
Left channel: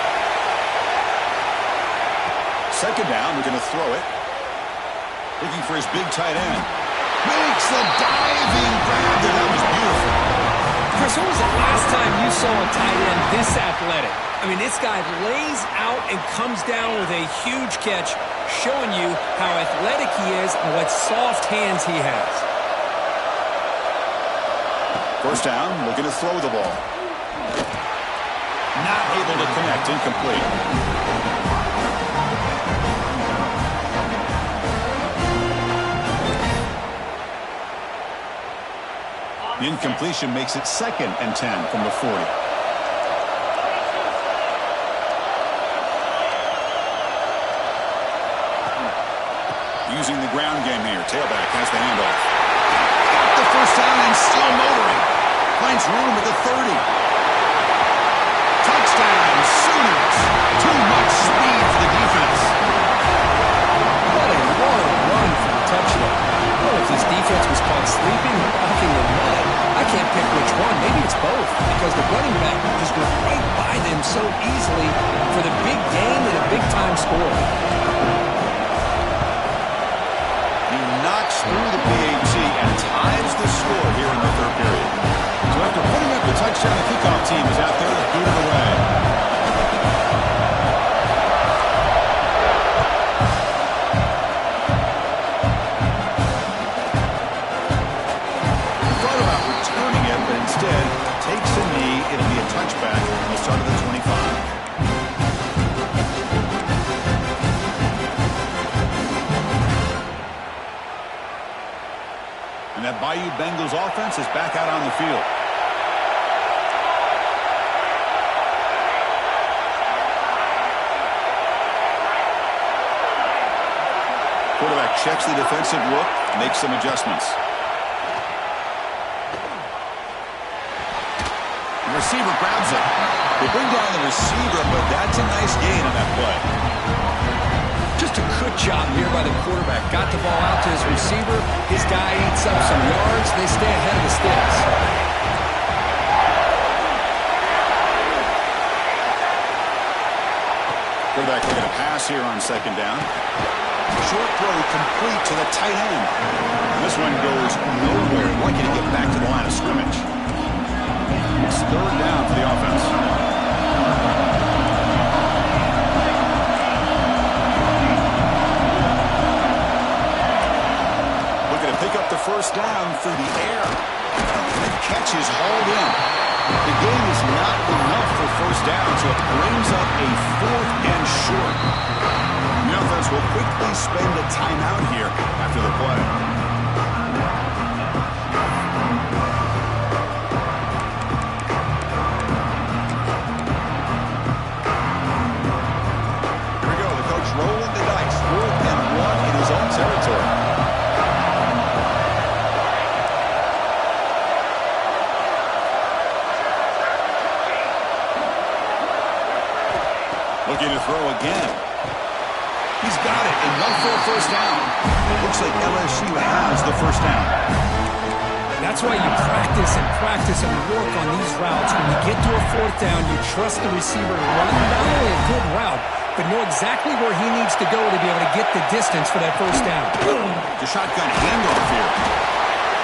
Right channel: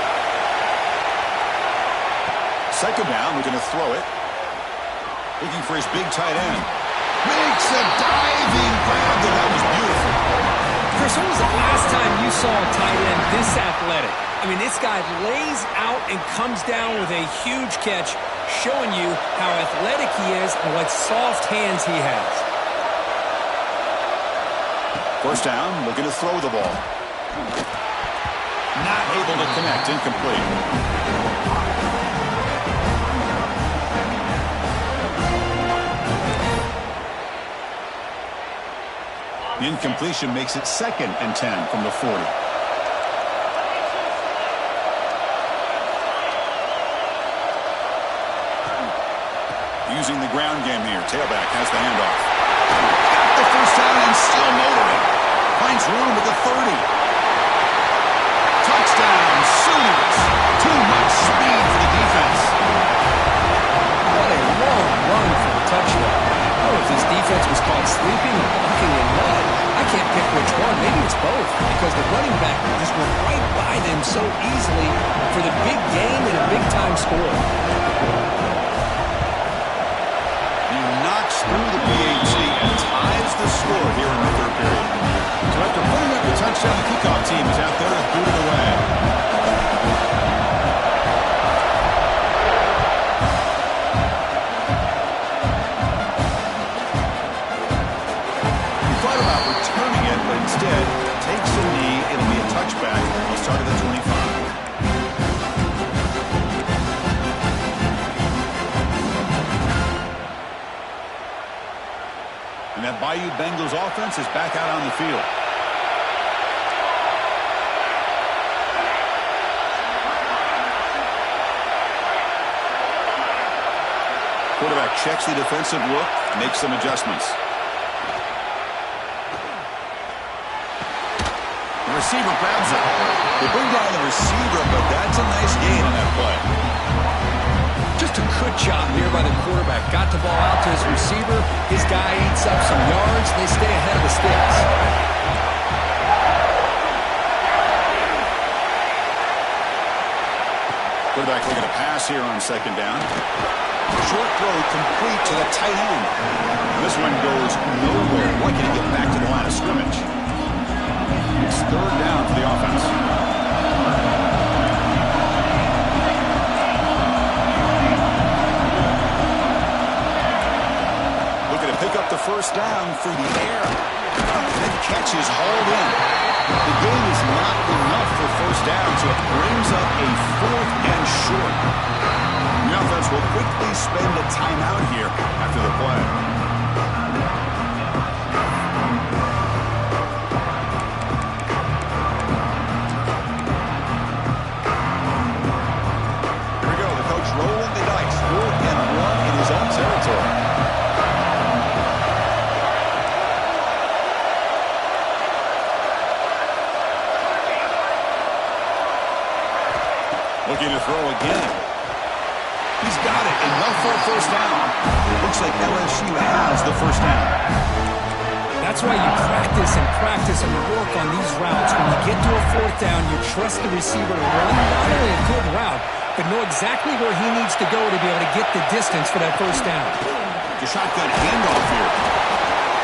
Second down, we're going to throw it. Looking for his big tight end. Makes a diving grab there. That was beautiful. Chris, when was the last time you saw a tight end this athletic? I mean, this guy lays out and comes down with a huge catch, showing you how athletic he is and what soft hands he has. First down, looking to throw the ball. Not able to connect, incomplete. The incompletion makes it 2nd and 10 from the 40. Using the ground game here. Tailback has the handoff. Got the first down and still motoring. Finds room at the 30. Touchdown, Sooners. Too much speed for the defense. What a long run for the touchdown. Oh, if this defense was caught sleeping or walking in mud, I can't pick which one. Maybe it's both, because the running back just went right by them so easily for the big game and a big-time score. He knocks through the PAT and ties the score here in the third period. So after putting up the touchdown, the kickoff team is out there to boot it away. But instead takes a knee. It'll be a touchback. They'll start at the 25. And that Bayou Bengals offense is back out on the field. Quarterback checks the defensive look, makes some adjustments. Receiver grabs it. They bring down the receiver, but that's a nice gain on that play. Just a good job here by the quarterback. Got the ball out to his receiver. His guy eats up some yards. They stay ahead of the sticks. Quarterback looking to pass here on second down. Short throw complete to the tight end. And this one goes nowhere. Lucky to get back to the line of scrimmage. It's third down for the offense. Looking to pick up the first down through the air. That catch is hauled in. The game is not enough for first down, so it brings up a 4th and short. The offense will quickly spend a timeout here after the play. Rolling the dice, 4th and 1 in his own territory. Looking to throw again. He's got it. Enough for a first down. Looks like LSU has the first down. That's why you practice and work on these routes. When you get to a 4th down, you trust the receiver to run not only a good route, but know exactly where he needs to go to be able to get the distance for that first down. The shotgun handoff here.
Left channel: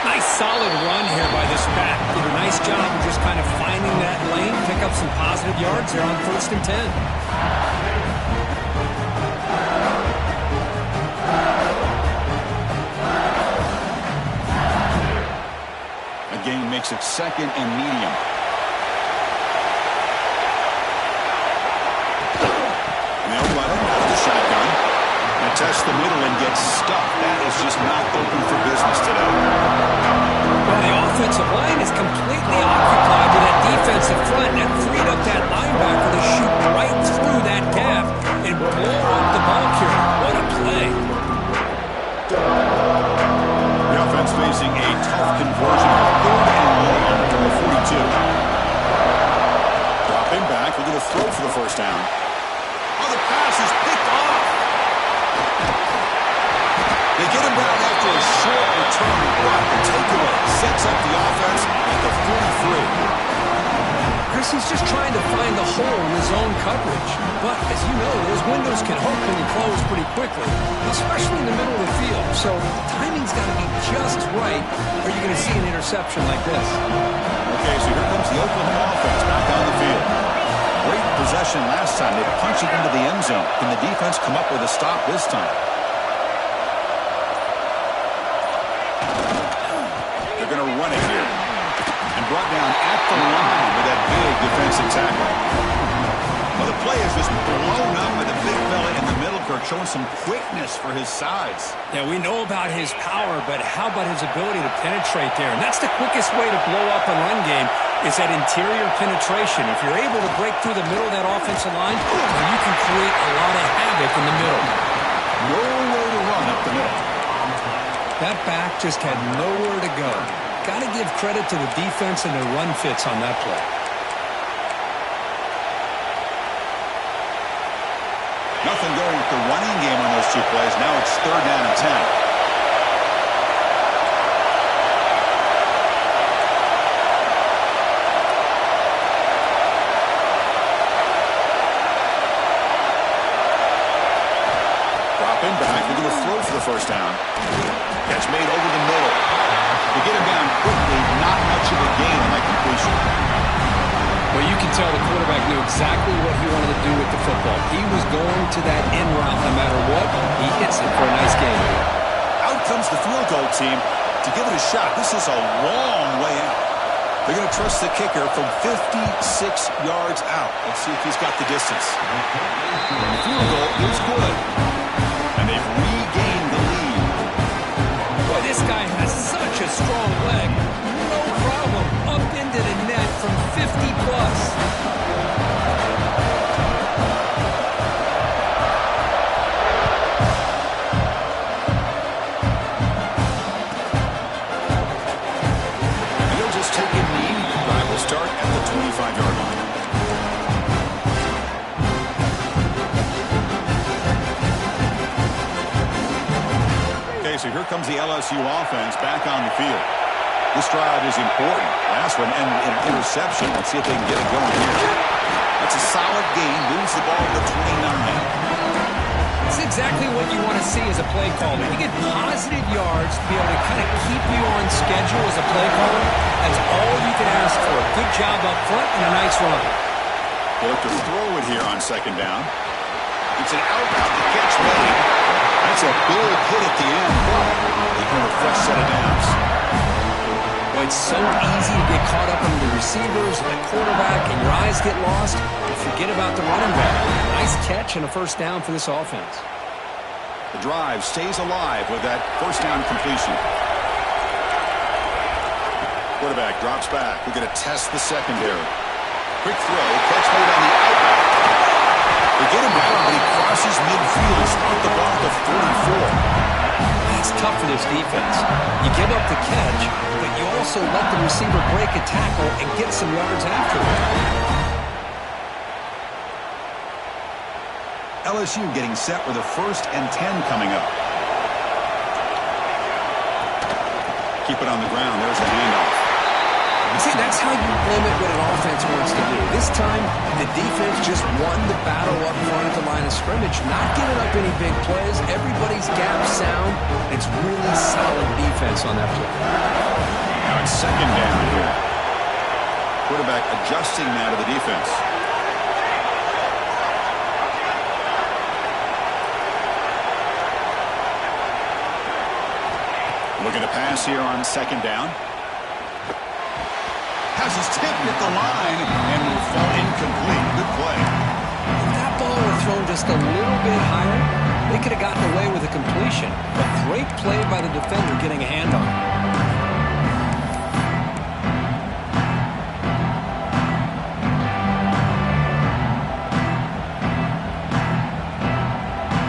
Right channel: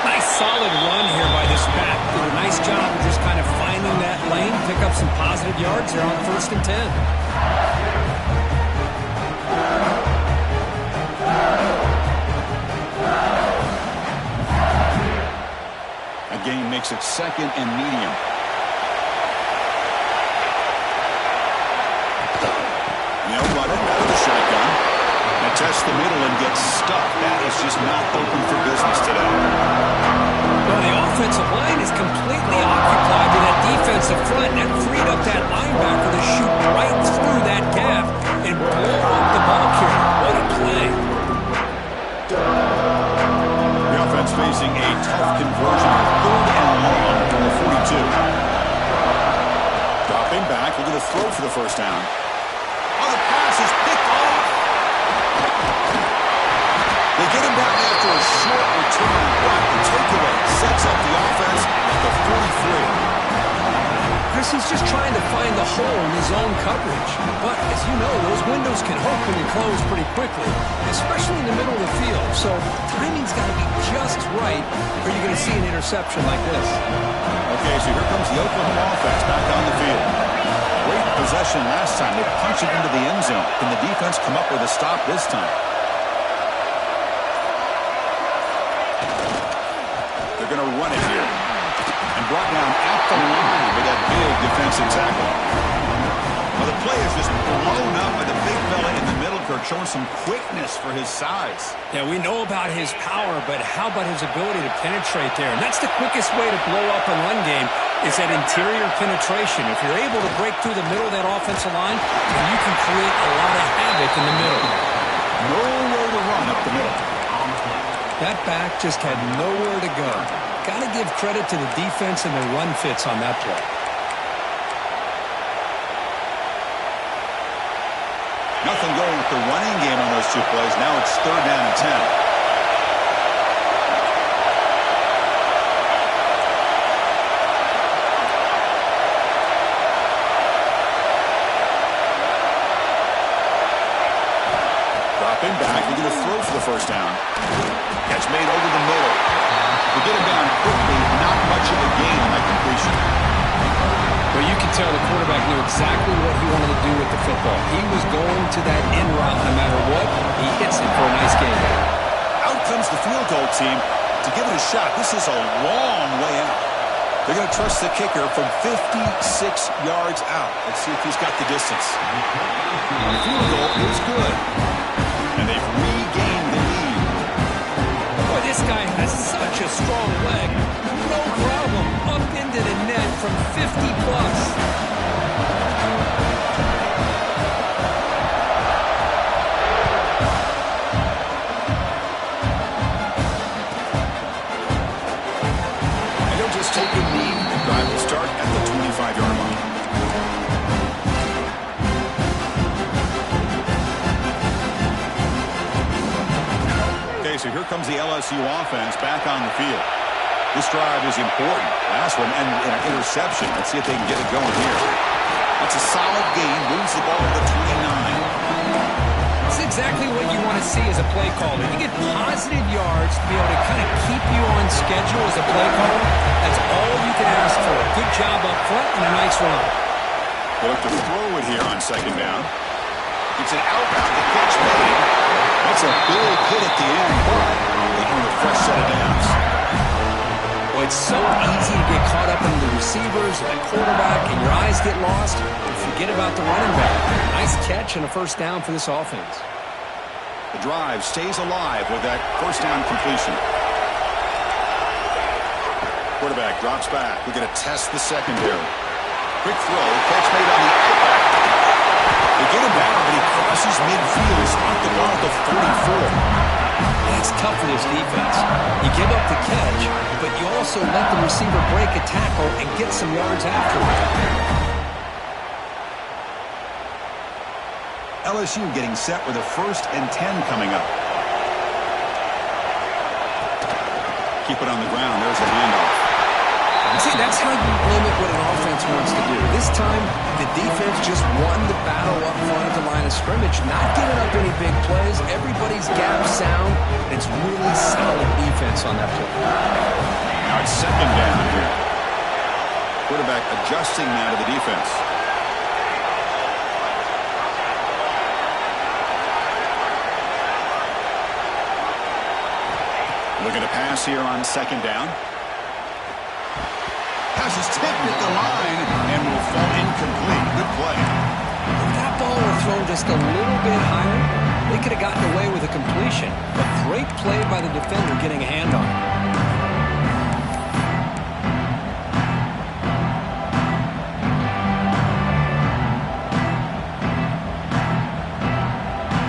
Nice solid run here by this back. Did a nice job of just kind of finding that lane, pick up some positive yards there on 1st and 10. Gain makes it 2nd and medium. And they'll run it out of the shotgun. And test the middle and get stuck. That is just not open for business today. Well, the offensive line is completely occupied to that defensive front. That freed up that linebacker to shoot right through that gap and blow up the ball carrier. What a play. Offense facing a tough conversion, 3rd and long from the 42. Dropping back, we're going to throw for the first down. Oh, the pass is picked off. They get him down after a short return, but the takeaway sets up the offense at the 43. Chris, he's just trying to find the hole in his own coverage. But, as you know, those windows can open and close pretty quickly, especially in the middle of the field. So, timing's got to be just right, or you're going to see an interception like this. Okay, so here comes the Oklahoma offense back on the field. Great possession last time. They punched it into the end zone. Can the defense come up with a stop this time? They're going to run it here. And brought down at the line with that big defensive tackle. Well, the play is just blown up by the big fella in the middle, Kirk, showing some quickness for his size. Yeah, we know about his power, but how about his ability to penetrate there? And that's the quickest way to blow up a run game is that interior penetration. If you're able to break through the middle of that offensive line, then you can create a lot of havoc in the middle. Nowhere to run up the middle. That back just had nowhere to go. Got to give credit to the defense and their run fits on that play. Nothing going with the running game on those two plays. Now it's 3rd down and 10. Dropping back. We're going to throw for the first down. Catch made over the middle. To get him down quickly, not much of a gain on that completion. Well, you can tell the quarterback knew exactly what he wanted to do with the football. He was going to that end route no matter what. He hits it for a nice gain. Out comes the field goal team to give it a shot. This is a long way out. They're going to trust the kicker from 56 yards out. Let's see if he's got the distance. The field goal is good. And they've regained the lead. Boy, this guy has such a strong leg. No problem. Up into the net from 50 plus. And he'll just take a knee. Drive will start at the 25-yard line. So here comes the LSU offense back on the field. This drive is important. Last one ended in an interception. Let's see if they can get it going here. That's a solid gain. Moves the ball to 29. It's exactly what you want to see as a play caller. You get positive yards to be able to kind of keep you on schedule as a play caller. That's all you can ask for. Good job up front and a nice run. They'll look to throw it here on 2nd down. It's an outbound. The catch made. That's a big hit at the end, but they earn a fresh set of downs. Well, it's so easy to get caught up in the receivers and the quarterback, and your eyes get lost. You forget about the running back. Nice catch and a first down for this offense. The drive stays alive with that first down completion. Quarterback drops back. We're going to test the secondary. Quick throw. Catch made on the outback. They get him down, but he crosses midfield. Spot the ball at the 44. It's tough for this defense. You give up the catch, but you also let the receiver break a tackle and get some yards afterward. LSU getting set with a 1st and 10 coming up. Keep it on the ground. There's the handoff. See, that's how you limit what an offense wants to do. This time, the defense just won the battle up front at the line of scrimmage, not giving up any big plays. Everybody's gap sound. It's really solid defense on that play. Now it's second down here. Quarterback adjusting now to the defense. Looking to pass here on second down. Pass is tipped at the line and will fall incomplete. Good play. If that ball were thrown just a little bit higher, they could have gotten away with a completion. But great play by the defender getting a hand on it.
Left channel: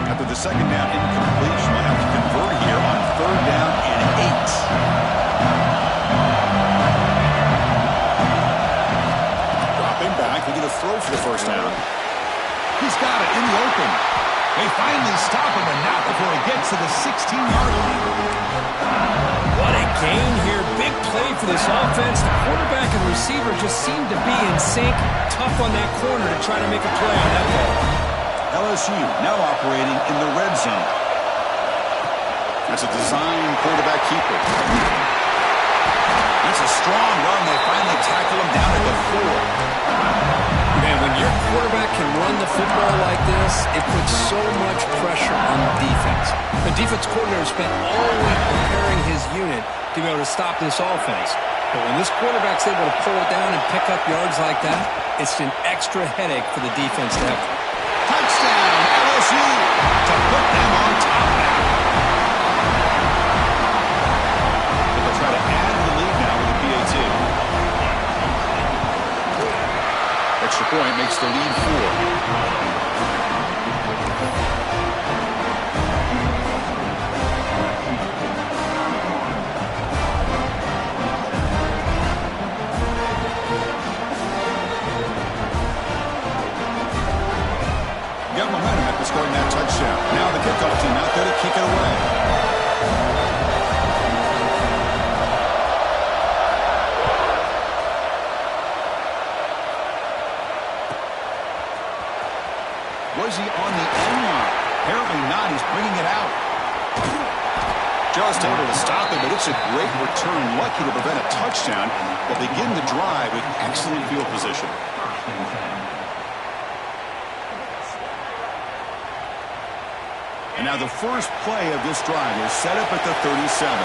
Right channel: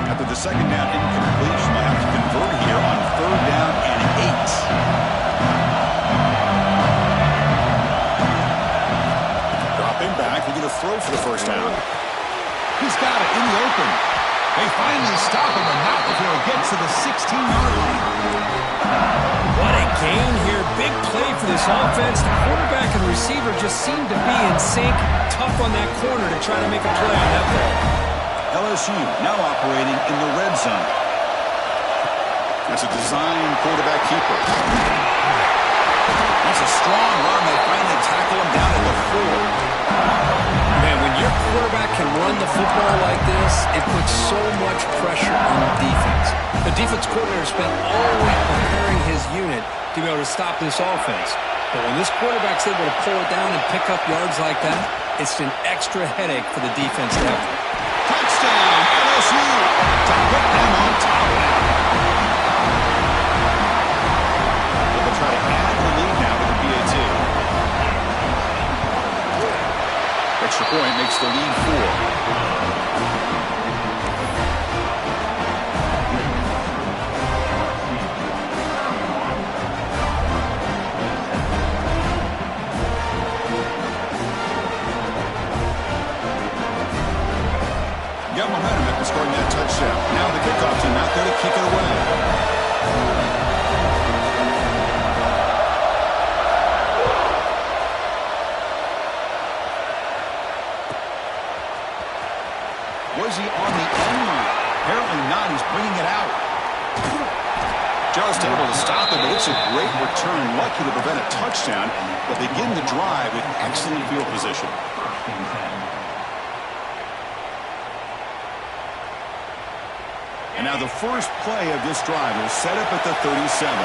After the second down incompletion, they'll have to convert here on third down and 8. Back, looking to throw for the first down. He's got it in the open. They finally stop him, but not before he gets to the 16-yard line. What a gain here. Big play for this offense. The quarterback and receiver just seem to be in sync. Tough on that corner to try to make a play on that ball. LSU now operating in the red zone. That's a design quarterback keeper. That's a strong run. They finally tackle him down at the 4. Man, when your quarterback can run the football like this, it puts so much pressure on the defense. The defense coordinator spent all week preparing his unit to be able to stop this offense. But when this quarterback's able to pull it down and pick up yards like that, it's an extra headache for the defense to have. Touchdown, LSU, to put them on top now. But they'll try to add the lead now with a PAT. Extra point makes the lead 4. Got momentum after scoring that touchdown. Now the kickoff team out there to kick it away. Was he on the end line? Apparently not. He's bringing it out. Just able to stop him, but it's a great return. Lucky to prevent a touchdown. They'll begin the drive with excellent field position. And now the first play of this drive is set up at the 37.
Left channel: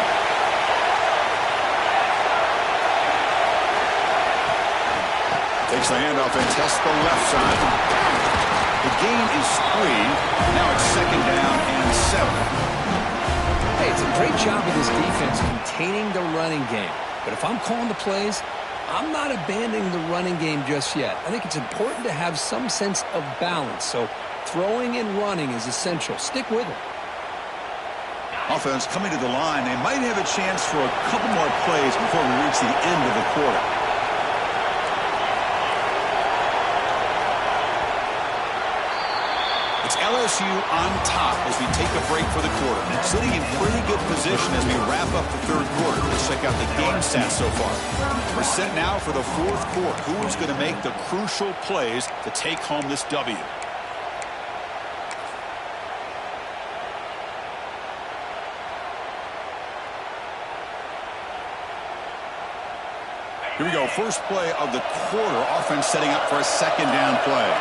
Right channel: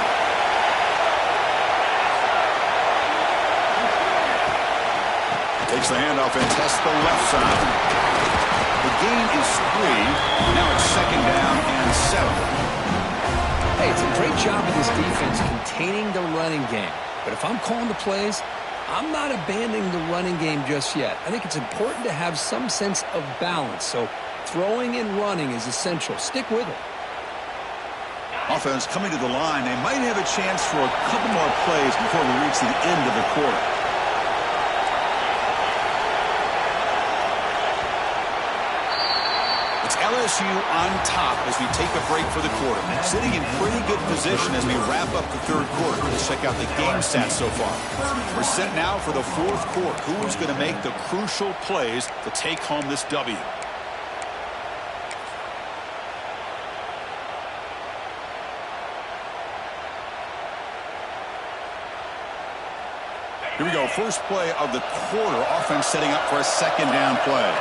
Takes the handoff and tests the left side. The gain is 3. Now it's second down and 7. Hey, it's a great job of this defense containing the running game. But if I'm calling the plays, I'm not abandoning the running game just yet. I think it's important to have some sense of balance. So throwing and running is essential. Stick with it. Offense coming to the line. They might have a chance for a couple more plays before we reach the end of the quarter. It's LSU on top as we take a break for the quarter. Sitting in pretty good position as we wrap up the third quarter. Let's check out the game stats so far. We're set now for the fourth quarter. Who is going to make the crucial plays to take home this W? Here we go. First play of the quarter. Offense setting up for a second down play.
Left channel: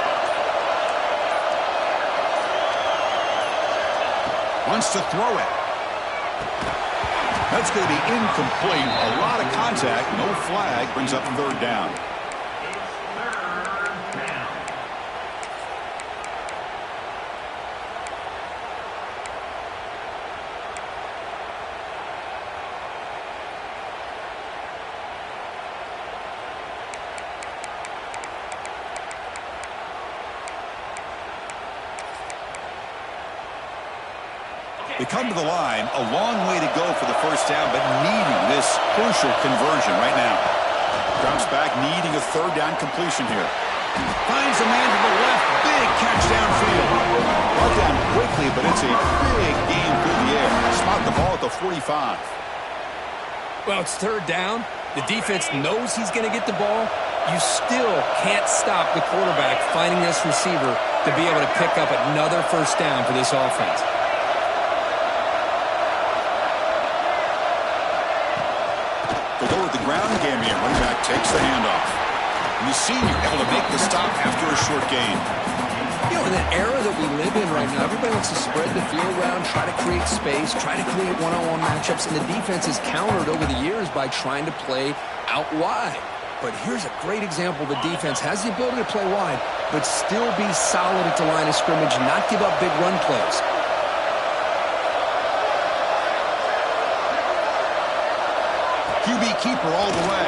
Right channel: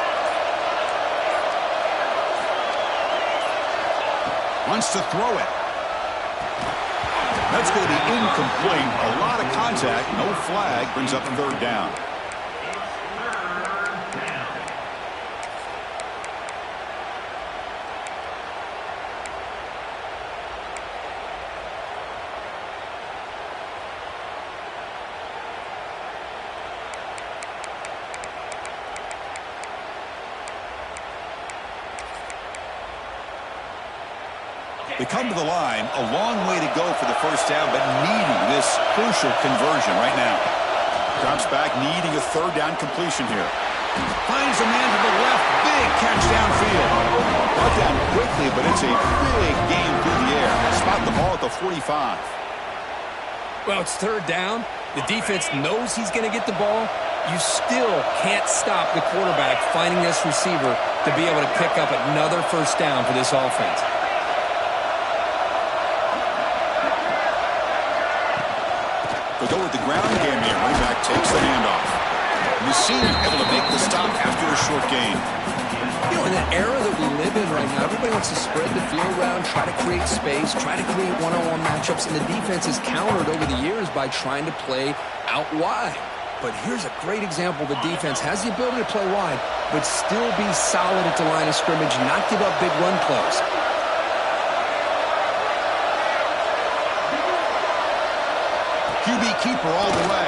Wants to throw it. That's going to be incomplete. A lot of contact. No flag. Brings up third down. They come to the line, a long way to go for the first down, but needing this crucial conversion right now. Drops back, needing a third down completion here. Finds a man to the left, big catch downfield. Brought down quickly, but it's a big game through the air. Spot the ball at the 45. Well, it's third down. The defense knows he's going to get the ball. You still can't stop the quarterback finding this receiver to be able to pick up another first down for this offense. They go with the ground game here. Running back takes the handoff. And the senior able to make the stop after a short gain. You know, in the era that we live in right now, everybody wants to spread the field around, try to create space, try to create one-on-one matchups, and the defense is countered over the years by trying to play out wide. But here's a great example. The defense has the ability to play wide, but still be solid at the line of scrimmage, not give up big run plays. QB keeper all the way.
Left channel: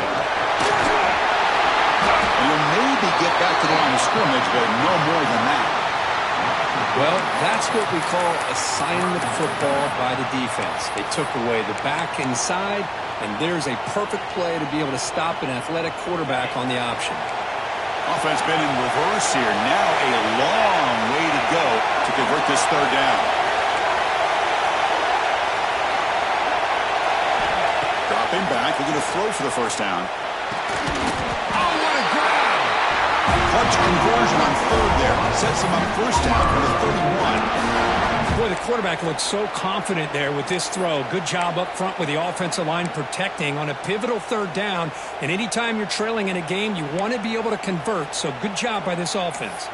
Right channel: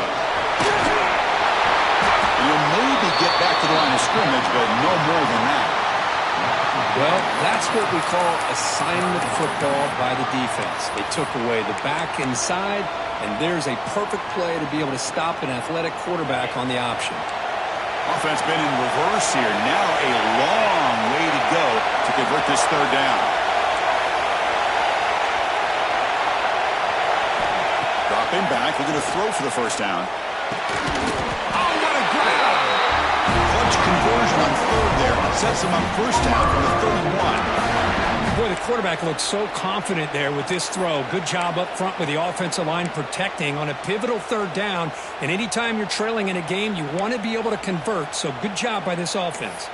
And he'll maybe get back to the line of scrimmage, but no more than that. Well, that's what we call assignment football by the defense. They took away the back inside, and there's a perfect play to be able to stop an athletic quarterback on the option. Offense been in reverse here. Now a long way to go to convert this third down. Dropping back, looking to throw for the first down. Oh, what a grab! Clutch conversion on third there. Sets him up first down from the 31. Boy, the quarterback looked so confident there with this throw. Good job up front with the offensive line protecting on a pivotal third down. And anytime you're trailing in a game, you want to be able to convert. So good job by this offense.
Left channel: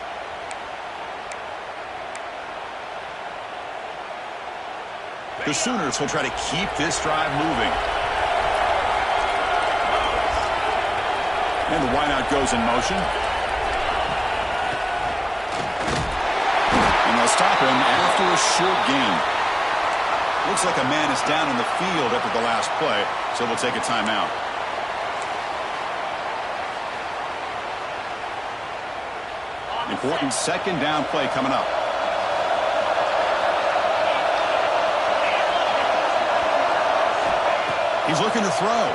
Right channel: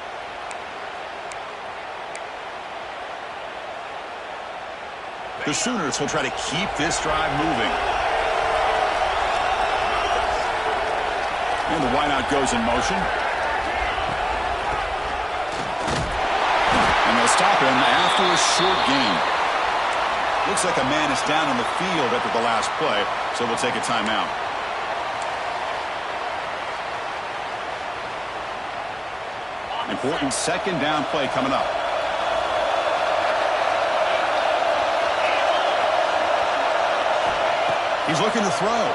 The Sooners will try to keep this drive moving. And the wideout goes in motion. And they'll stop him after a short gain. Looks like a man is down on the field after the last play, so we'll take a timeout. Important second down play coming up. He's looking to throw.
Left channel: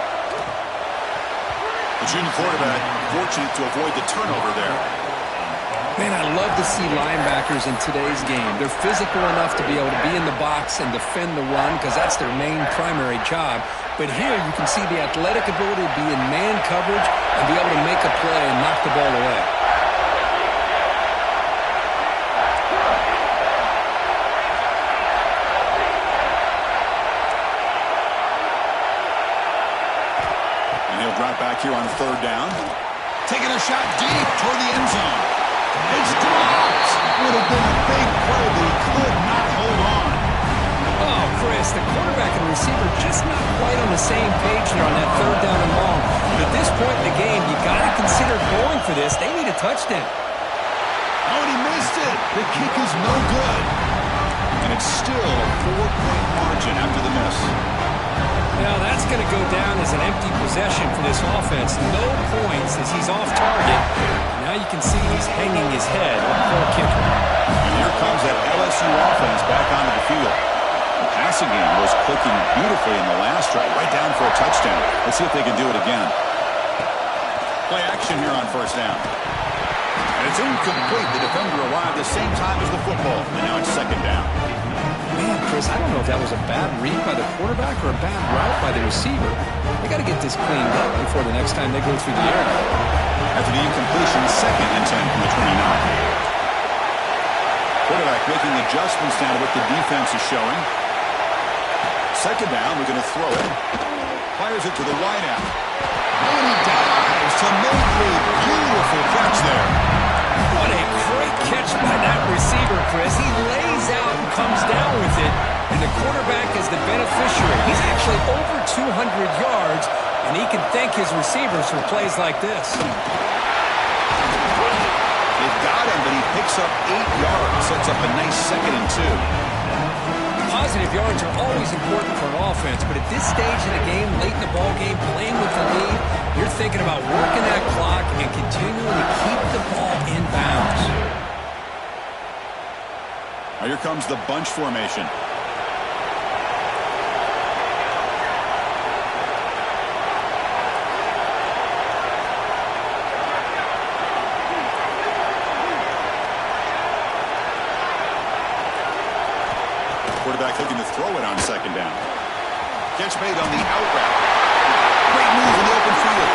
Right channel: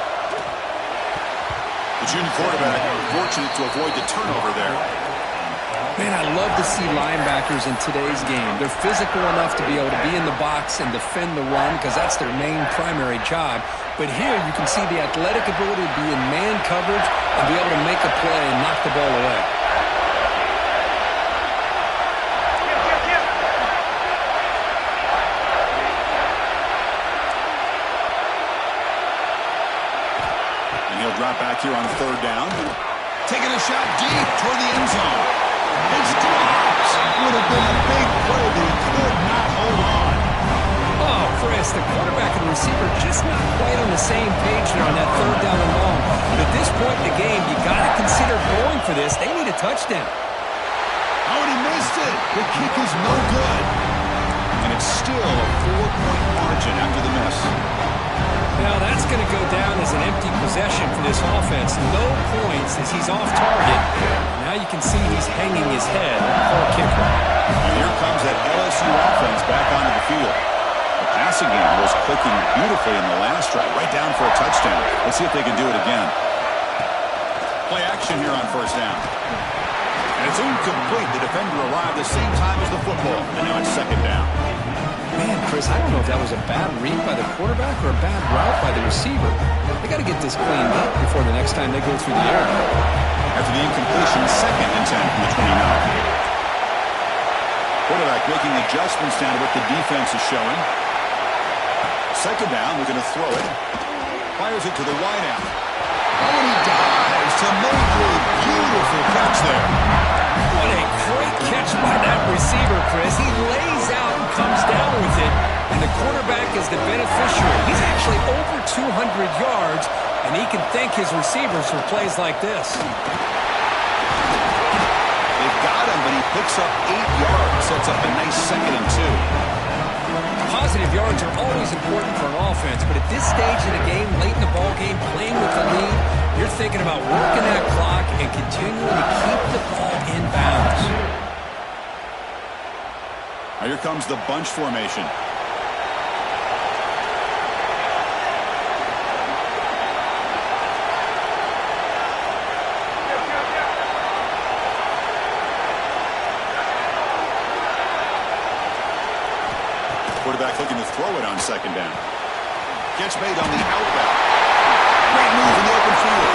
The junior quarterback fortunate to avoid the turnover there. Man, I love to see linebackers in today's game. They're physical enough to be able to be in the box and defend the run because that's their main primary job. But here you can see the athletic ability to be in man coverage and be able to make a play and knock the ball away. And he'll drop back here on third down. Taking a shot deep toward the end zone. It's dropped. Would have been a big play, but he could not hold on. Oh, Chris, the quarterback and the receiver just not quite on the same page there on that third down and long. But at this point in the game, you got to consider going for this. They need a touchdown. Oh, and he missed it. The kick is no good. And it's still a 4-point margin after the miss. Now that's going to go down as an empty possession for this offense. No points as he's off target. Now you can see he's hanging his head. Poor kicker. And here comes that LSU offense back onto the field. The passing game was clicking beautifully in the last drive, right down for a touchdown. Let's see if they can do it again. Play action here on first down. And it's incomplete. The defender arrived the same time as the football. And now it's second down. Man, Chris, I don't know if that was a bad read by the quarterback or a bad route by the receiver. They got to get this cleaned up before the next time they go through the air. After the incompletion, 2nd and 10 from the 29. Quarterback making adjustments down to what the defense is showing. Second down, we're going to throw it. Fires it to the wideout. Oh, and he dives to make a beautiful catch there. What a great catch by that receiver, Chris. He lays out and comes down with it, and the quarterback is the beneficiary. He's actually over 200 yards, and he can thank his receivers for plays like this. They've got him, but he picks up 8 yards, sets up a nice 2nd and 2. Positive yards are always important for an offense, but at this stage in the game, late in the ball game, playing with the lead, you're thinking about working that clock and continuing to keep the ball in bounds. Now here comes the bunch formation. Quarterback looking to throw it on second down. Catch made on the out route. Great move in the open field.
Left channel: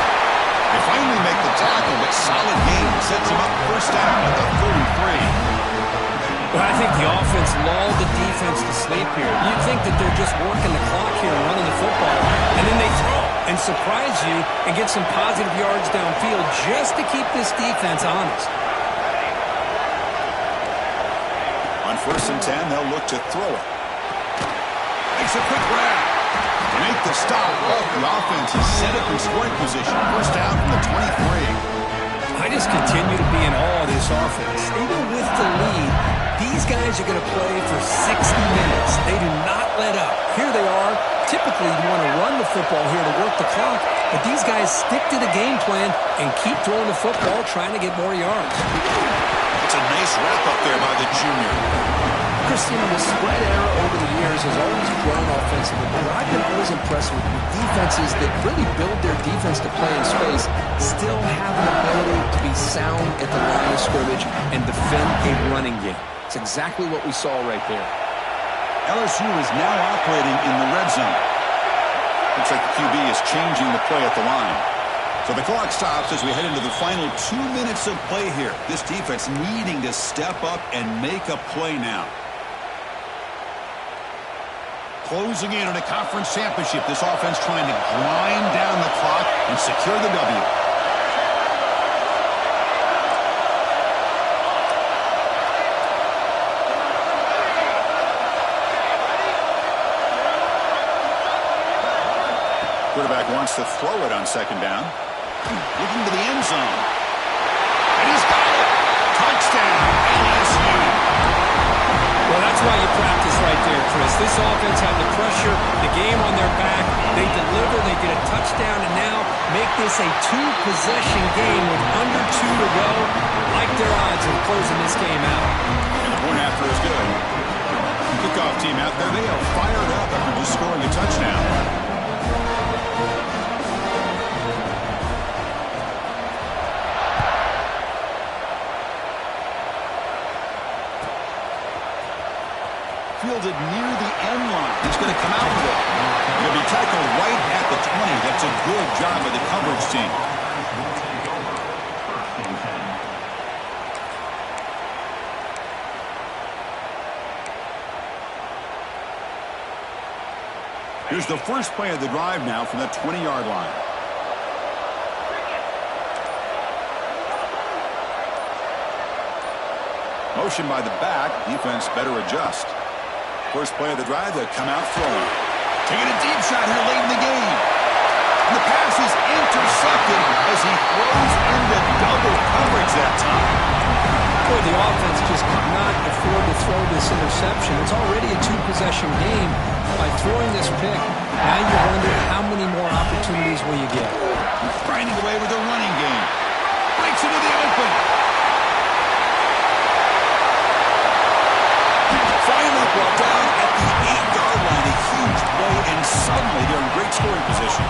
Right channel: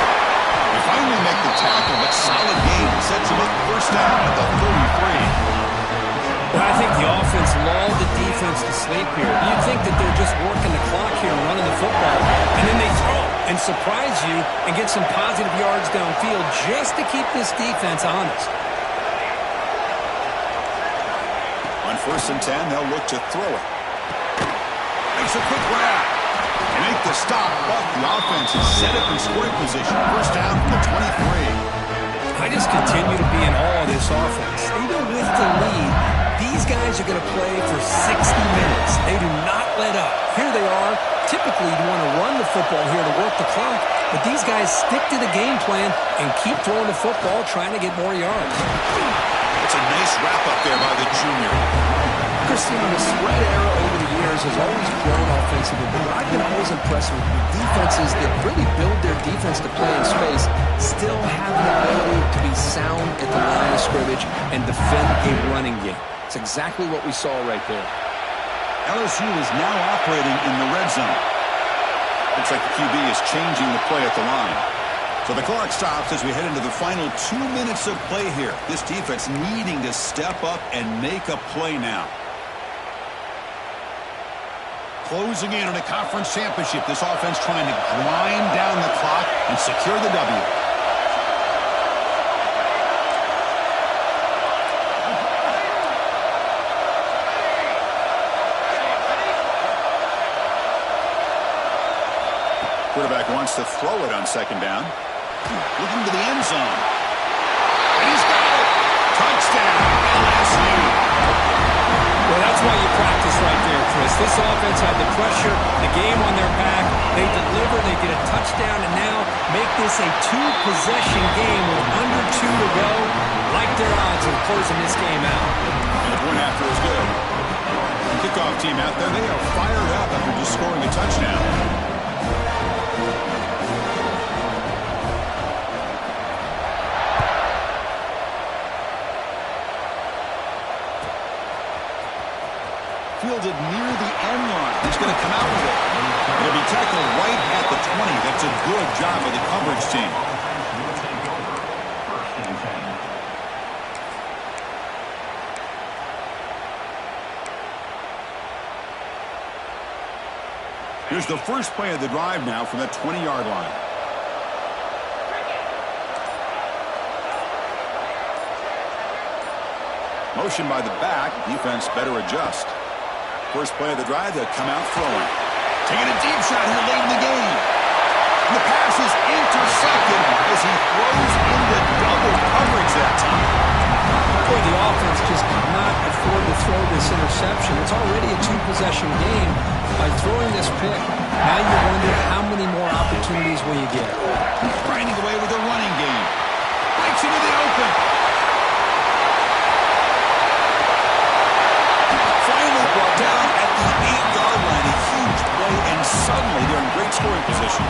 They finally make the tackle, but solid gain sets them up first down at the 33. Well, I think the offense lulled the defense to sleep here. You'd think that they're just working the clock here and running the football, and then they throw and surprise you and get some positive yards downfield just to keep this defense honest. On 1st and 10, they'll look to throw it. Makes a quick grab. They make the stop, but the offense is set up in scoring position. First down from the 23. I just continue to be in awe of this offense. Even with the lead, these guys are going to play for 60 minutes. They do not let up. Here they are. Typically, you want to run the football here to work the clock, but these guys stick to the game plan and keep throwing the football, trying to get more yards. It's a nice wrap-up there by the junior. Christian, the spread era over the years has always grown offensively, but I've been always impressed with defenses that really build their defense to play in space, still have an ability to be sound at the line of scrimmage and defend a running game. It's exactly what we saw right there. LSU is now operating in the red zone. Looks like the QB is changing the play at the line. So the clock stops as we head into the final 2 minutes of play here. This defense needing to step up and make a play now. Closing in on a conference championship, this offense trying to grind down the clock and secure the W. Quarterback wants to throw it on 2nd down. Looking to the end zone. And he's got it. Touchdown, LSU. Well, that's why you practice right there, Chris. This offense had the pressure, the game on their back. They deliver, they get a touchdown, and now make this a 2-possession game with under 2 to go. Like their odds of closing this game out. And the point after is good. Kickoff team out there, they are fired up after just scoring a touchdown. Fielded near the end line. He's going to come out with it. He'll be tackled right at the 20. That's a good job by the coverage team. Here's the first play of the drive now from that 20-yard line. Motion by the back. Defense better adjust. First play of the drive, they'll come out throwing. Taking a deep shot here late in the game. And the pass is intercepted as he throws into double coverage that time. Boy, the offense just could not afford to throw this interception. It's already a 2-possession game. By throwing this pick, now you wonder how many more opportunities will you get. Grinding away with a running game. Breaks into the open. Finally brought down at the 8-yard line. A huge play, and suddenly they're in great scoring position.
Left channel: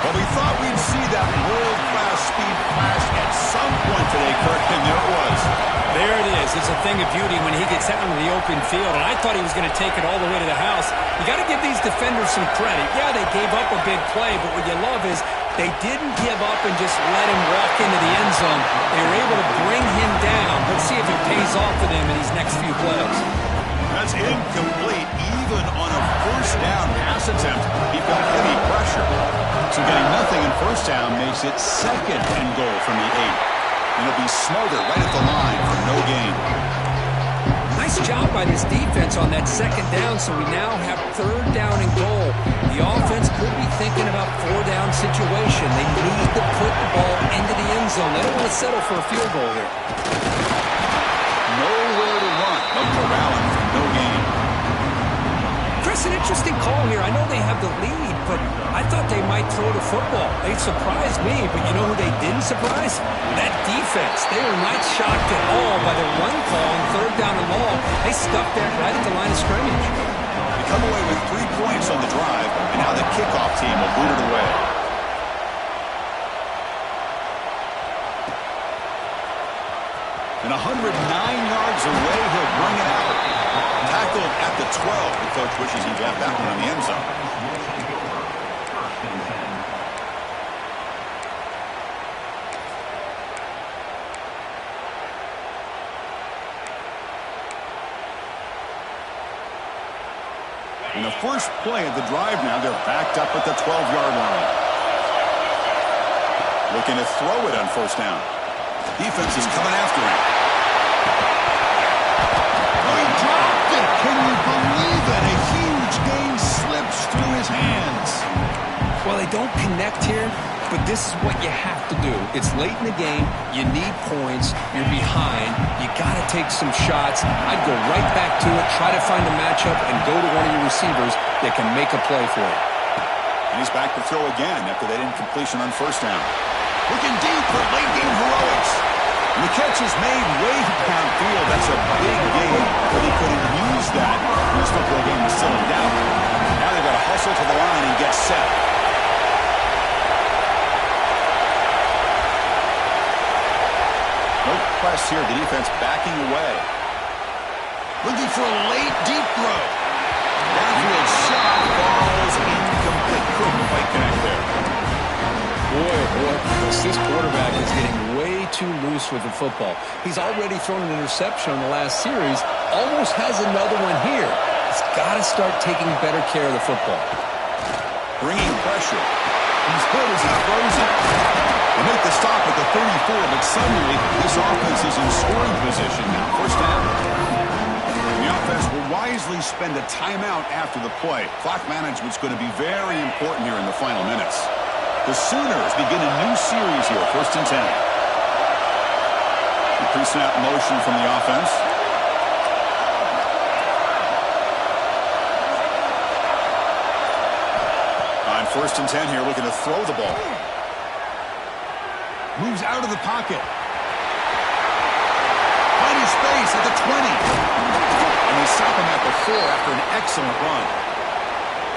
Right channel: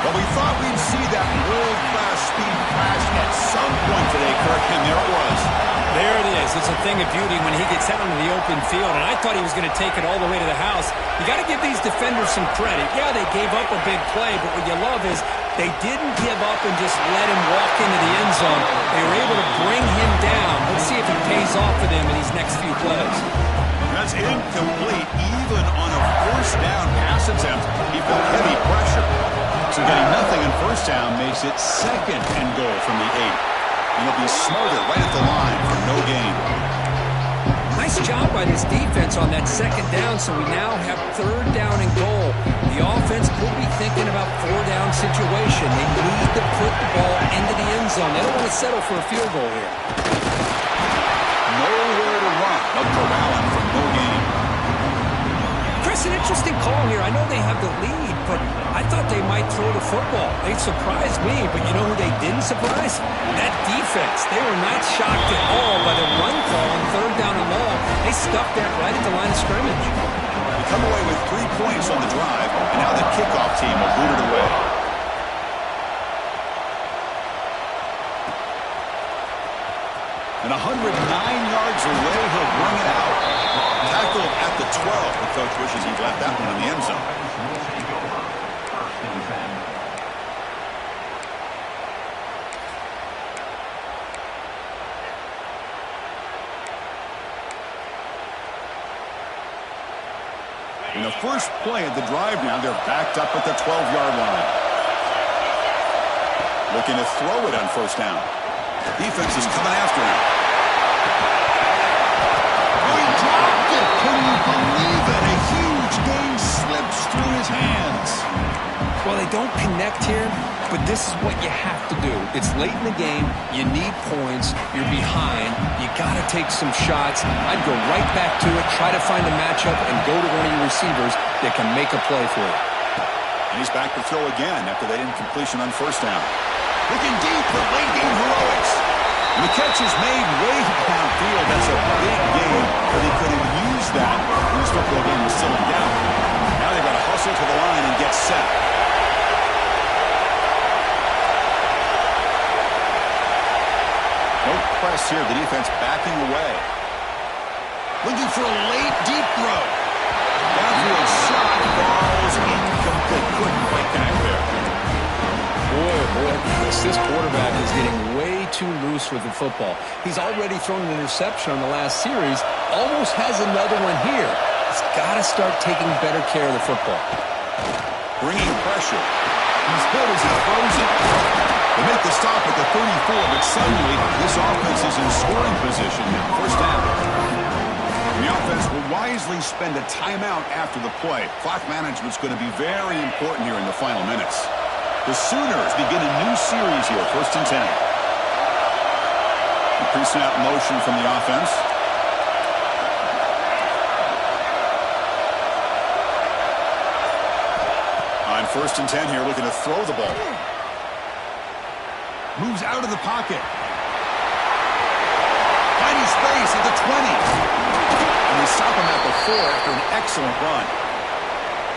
Well, we thought we'd see that world-class speed flash at some point today, Kirk, and there it was. There it is. It's a thing of beauty when he gets out into the open field, and I thought he was going to take it all the way to the house. You got to give these defenders some credit. Yeah, they gave up a big play, but what you love is they didn't give up and just let him walk into the end zone. They were able to bring him down. Let's see if it pays off for them in these next few plays. That's incomplete. Even on a first down pass attempt, he felt heavy pressure. So getting nothing in first down makes it 2nd and goal from the 8. And he'll be smarter right at the line for no gain. Nice job by this defense on that 2nd down, so we now have 3rd down and goal. The offense could be thinking about 4-down situation. They need to put the ball into the end zone. They don't want to settle for a field goal here. Nowhere to run. No corralling for no gain. Chris, an interesting call here. I know they have the lead, but I thought they might throw the football. They surprised me, but you know who they didn't surprise? That defense. They were not shocked at all by the run call on 3rd down and long. They stuffed that right at the line of scrimmage. They come away with 3 points on the drive, and now the kickoff team will boot it away. And 109 yards away, he'll bring it out. Tackled at the 12. The coach wishes he'd left that one in the end zone. In the first play of the drive now, they're backed up at the 12-yard line. Looking to throw it on first down. Defense is coming after him. Oh, he dropped it. Can you believe it? A huge gain slips through his hands. Well, they don't connect here, but this is what you have to do. It's late in the game. You need points. You're behind. You got to take some shots. I'd go right back to it, try to find a matchup, and go to one of your receivers that can make a play for you. And he's back to throw again after that incompletion on first down. Looking deep for late-game heroics. And the catch is made way downfield. That's a big gain, but he could have used that when this football game was still in doubt. Now they've got to hustle to the line and get set. No press here. The defense backing away. Looking for a late, deep throw. Downfield shot falls incomplete. Couldn't quite connect there. Boy, oh boy, this quarterback is getting way too loose with the football. He's already thrown an interception on the last series. Almost has another one here. He's got to start taking better care of the football. Bringing pressure. He's hit as he throws it. They make the stop at the 34, but suddenly this offense is in scoring position now. First down. And the offense will wisely spend a timeout after the play. Clock management's going to be very important here in the final minutes. The Sooners begin a new series here, 1st and 10. The pre-snap motion from the offense. On 1st and 10 here, looking to throw the ball. Moves out of the pocket. Finding space at the 20. And they stop him at the 4 after an excellent run.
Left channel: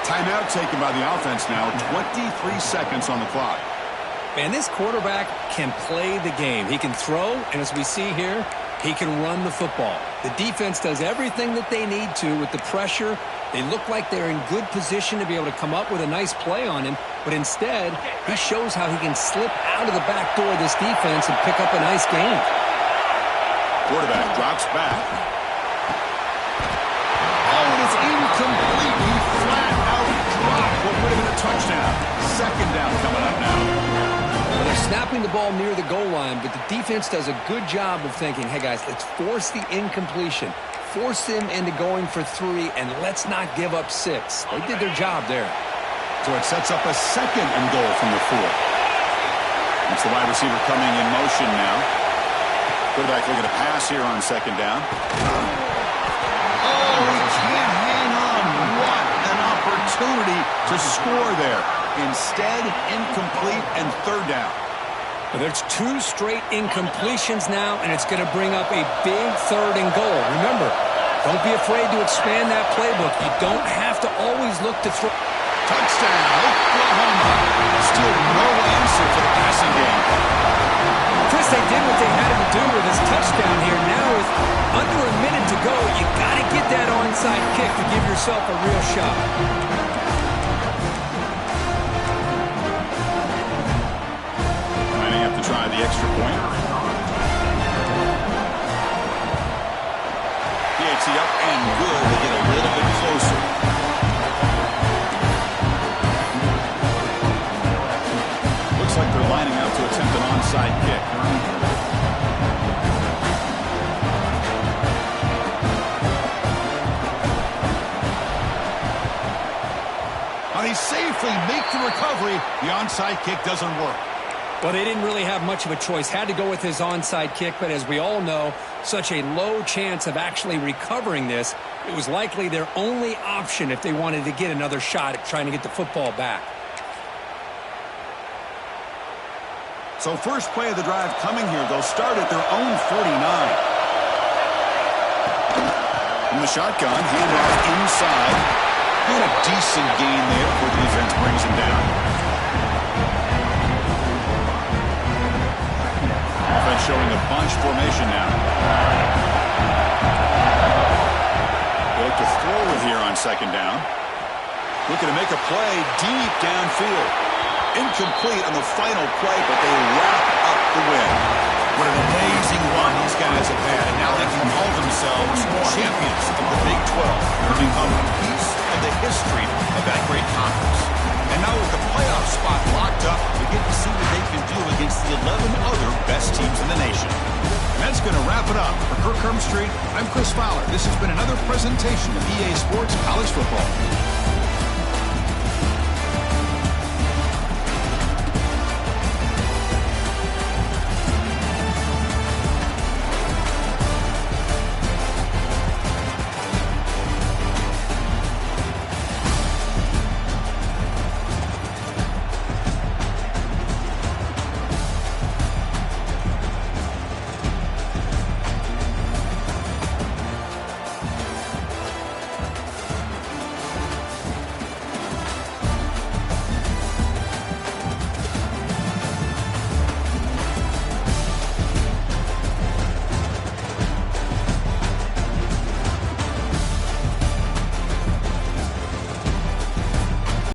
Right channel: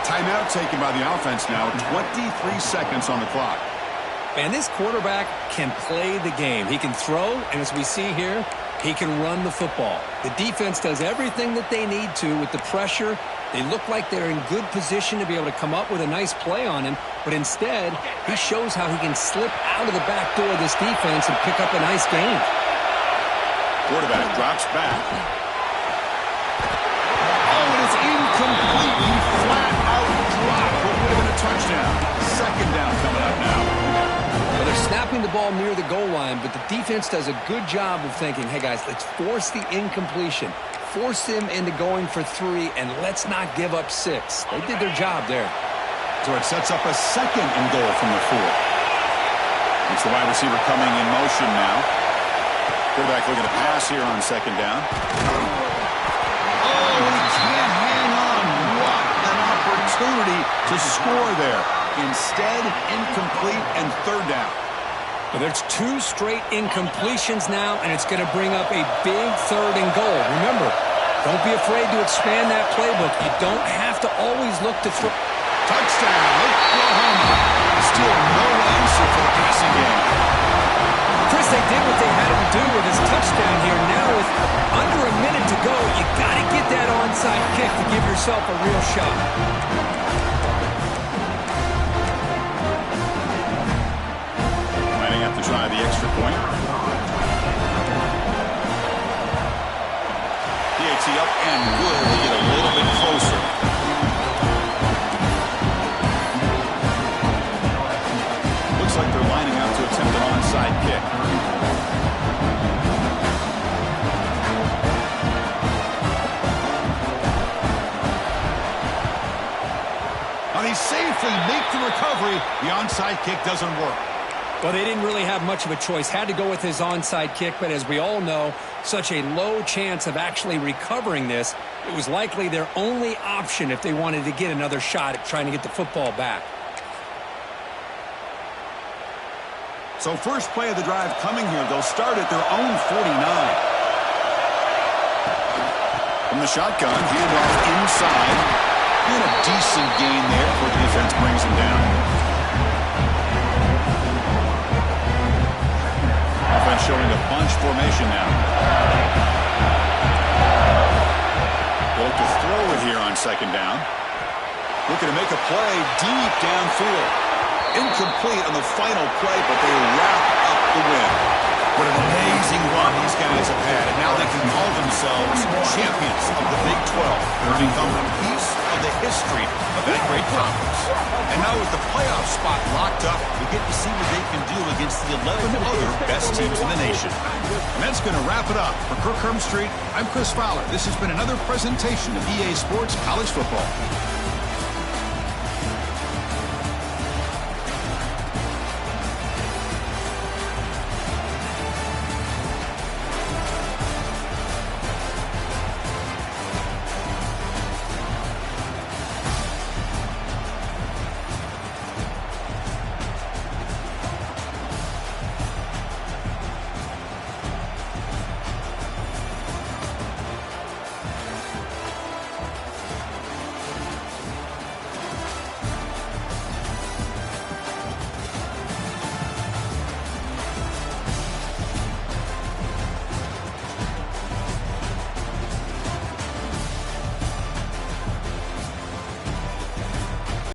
Timeout taken by the offense now. 23 seconds on the clock. Man, this quarterback can play the game. He can throw, and as we see here, he can run the football. The defense does everything that they need to with the pressure. They look like they're in good position to be able to come up with a nice play on him, but instead, he shows how he can slip out of the back door of this defense and pick up a nice gain. Quarterback drops back. Oh, and it's incomplete. He flat out dropped what would have been a touchdown. Second down coming up now. Well, they're snapping the ball near the goal line, but the defense does a good job of thinking, hey, guys, let's force the incompletion. Force them into going for 3, and let's not give up 6. They did their job there. So it sets up a 2nd and goal from the 4. It's the wide receiver coming in motion now. Quarterback looking to pass here on 2nd down. Oh, he can't hang on. What an opportunity to score there. Instead, incomplete and 3rd down. Well, there's 2 straight incompletions now, and it's going to bring up a big 3rd and goal. Remember, don't be afraid to expand that playbook. You don't have to always look to throw. Touchdown, Oklahoma. Still no answer for the passing game. Chris, they did what they had to do with his touchdown here. Now with under a minute to go, you got to get that onside kick to give yourself a real shot. Lining up to try the extra point. PAT up and good. They get a little bit closer. Looks like they're lining up to attempt an onside kick. They safely make the recovery. The onside kick doesn't work. Well, they didn't really have much of a choice. Had to go with his onside kick, but as we all know, such a low chance of actually recovering this. It was likely their only option if they wanted to get another shot at trying to get the football back. So first play of the drive coming here. They'll start at their own 49. From the shotgun, handoff inside. And a decent gain there before the defense brings him down. Offense showing a bunch formation now. They look to throw it here on 2nd down. Looking to make a play deep downfield. Incomplete on the final play, but they wrap up the win. What an amazing run these guys have had, and now they can call themselves champions of the Big 12. They're become a piece of the history of that great conference. And now with the playoff spot locked up, we get to see what they can do against the 11 other best teams in the nation. And that's going to wrap it up. For Kirk Street, I'm Chris Fowler. This has been another presentation of EA Sports College Football.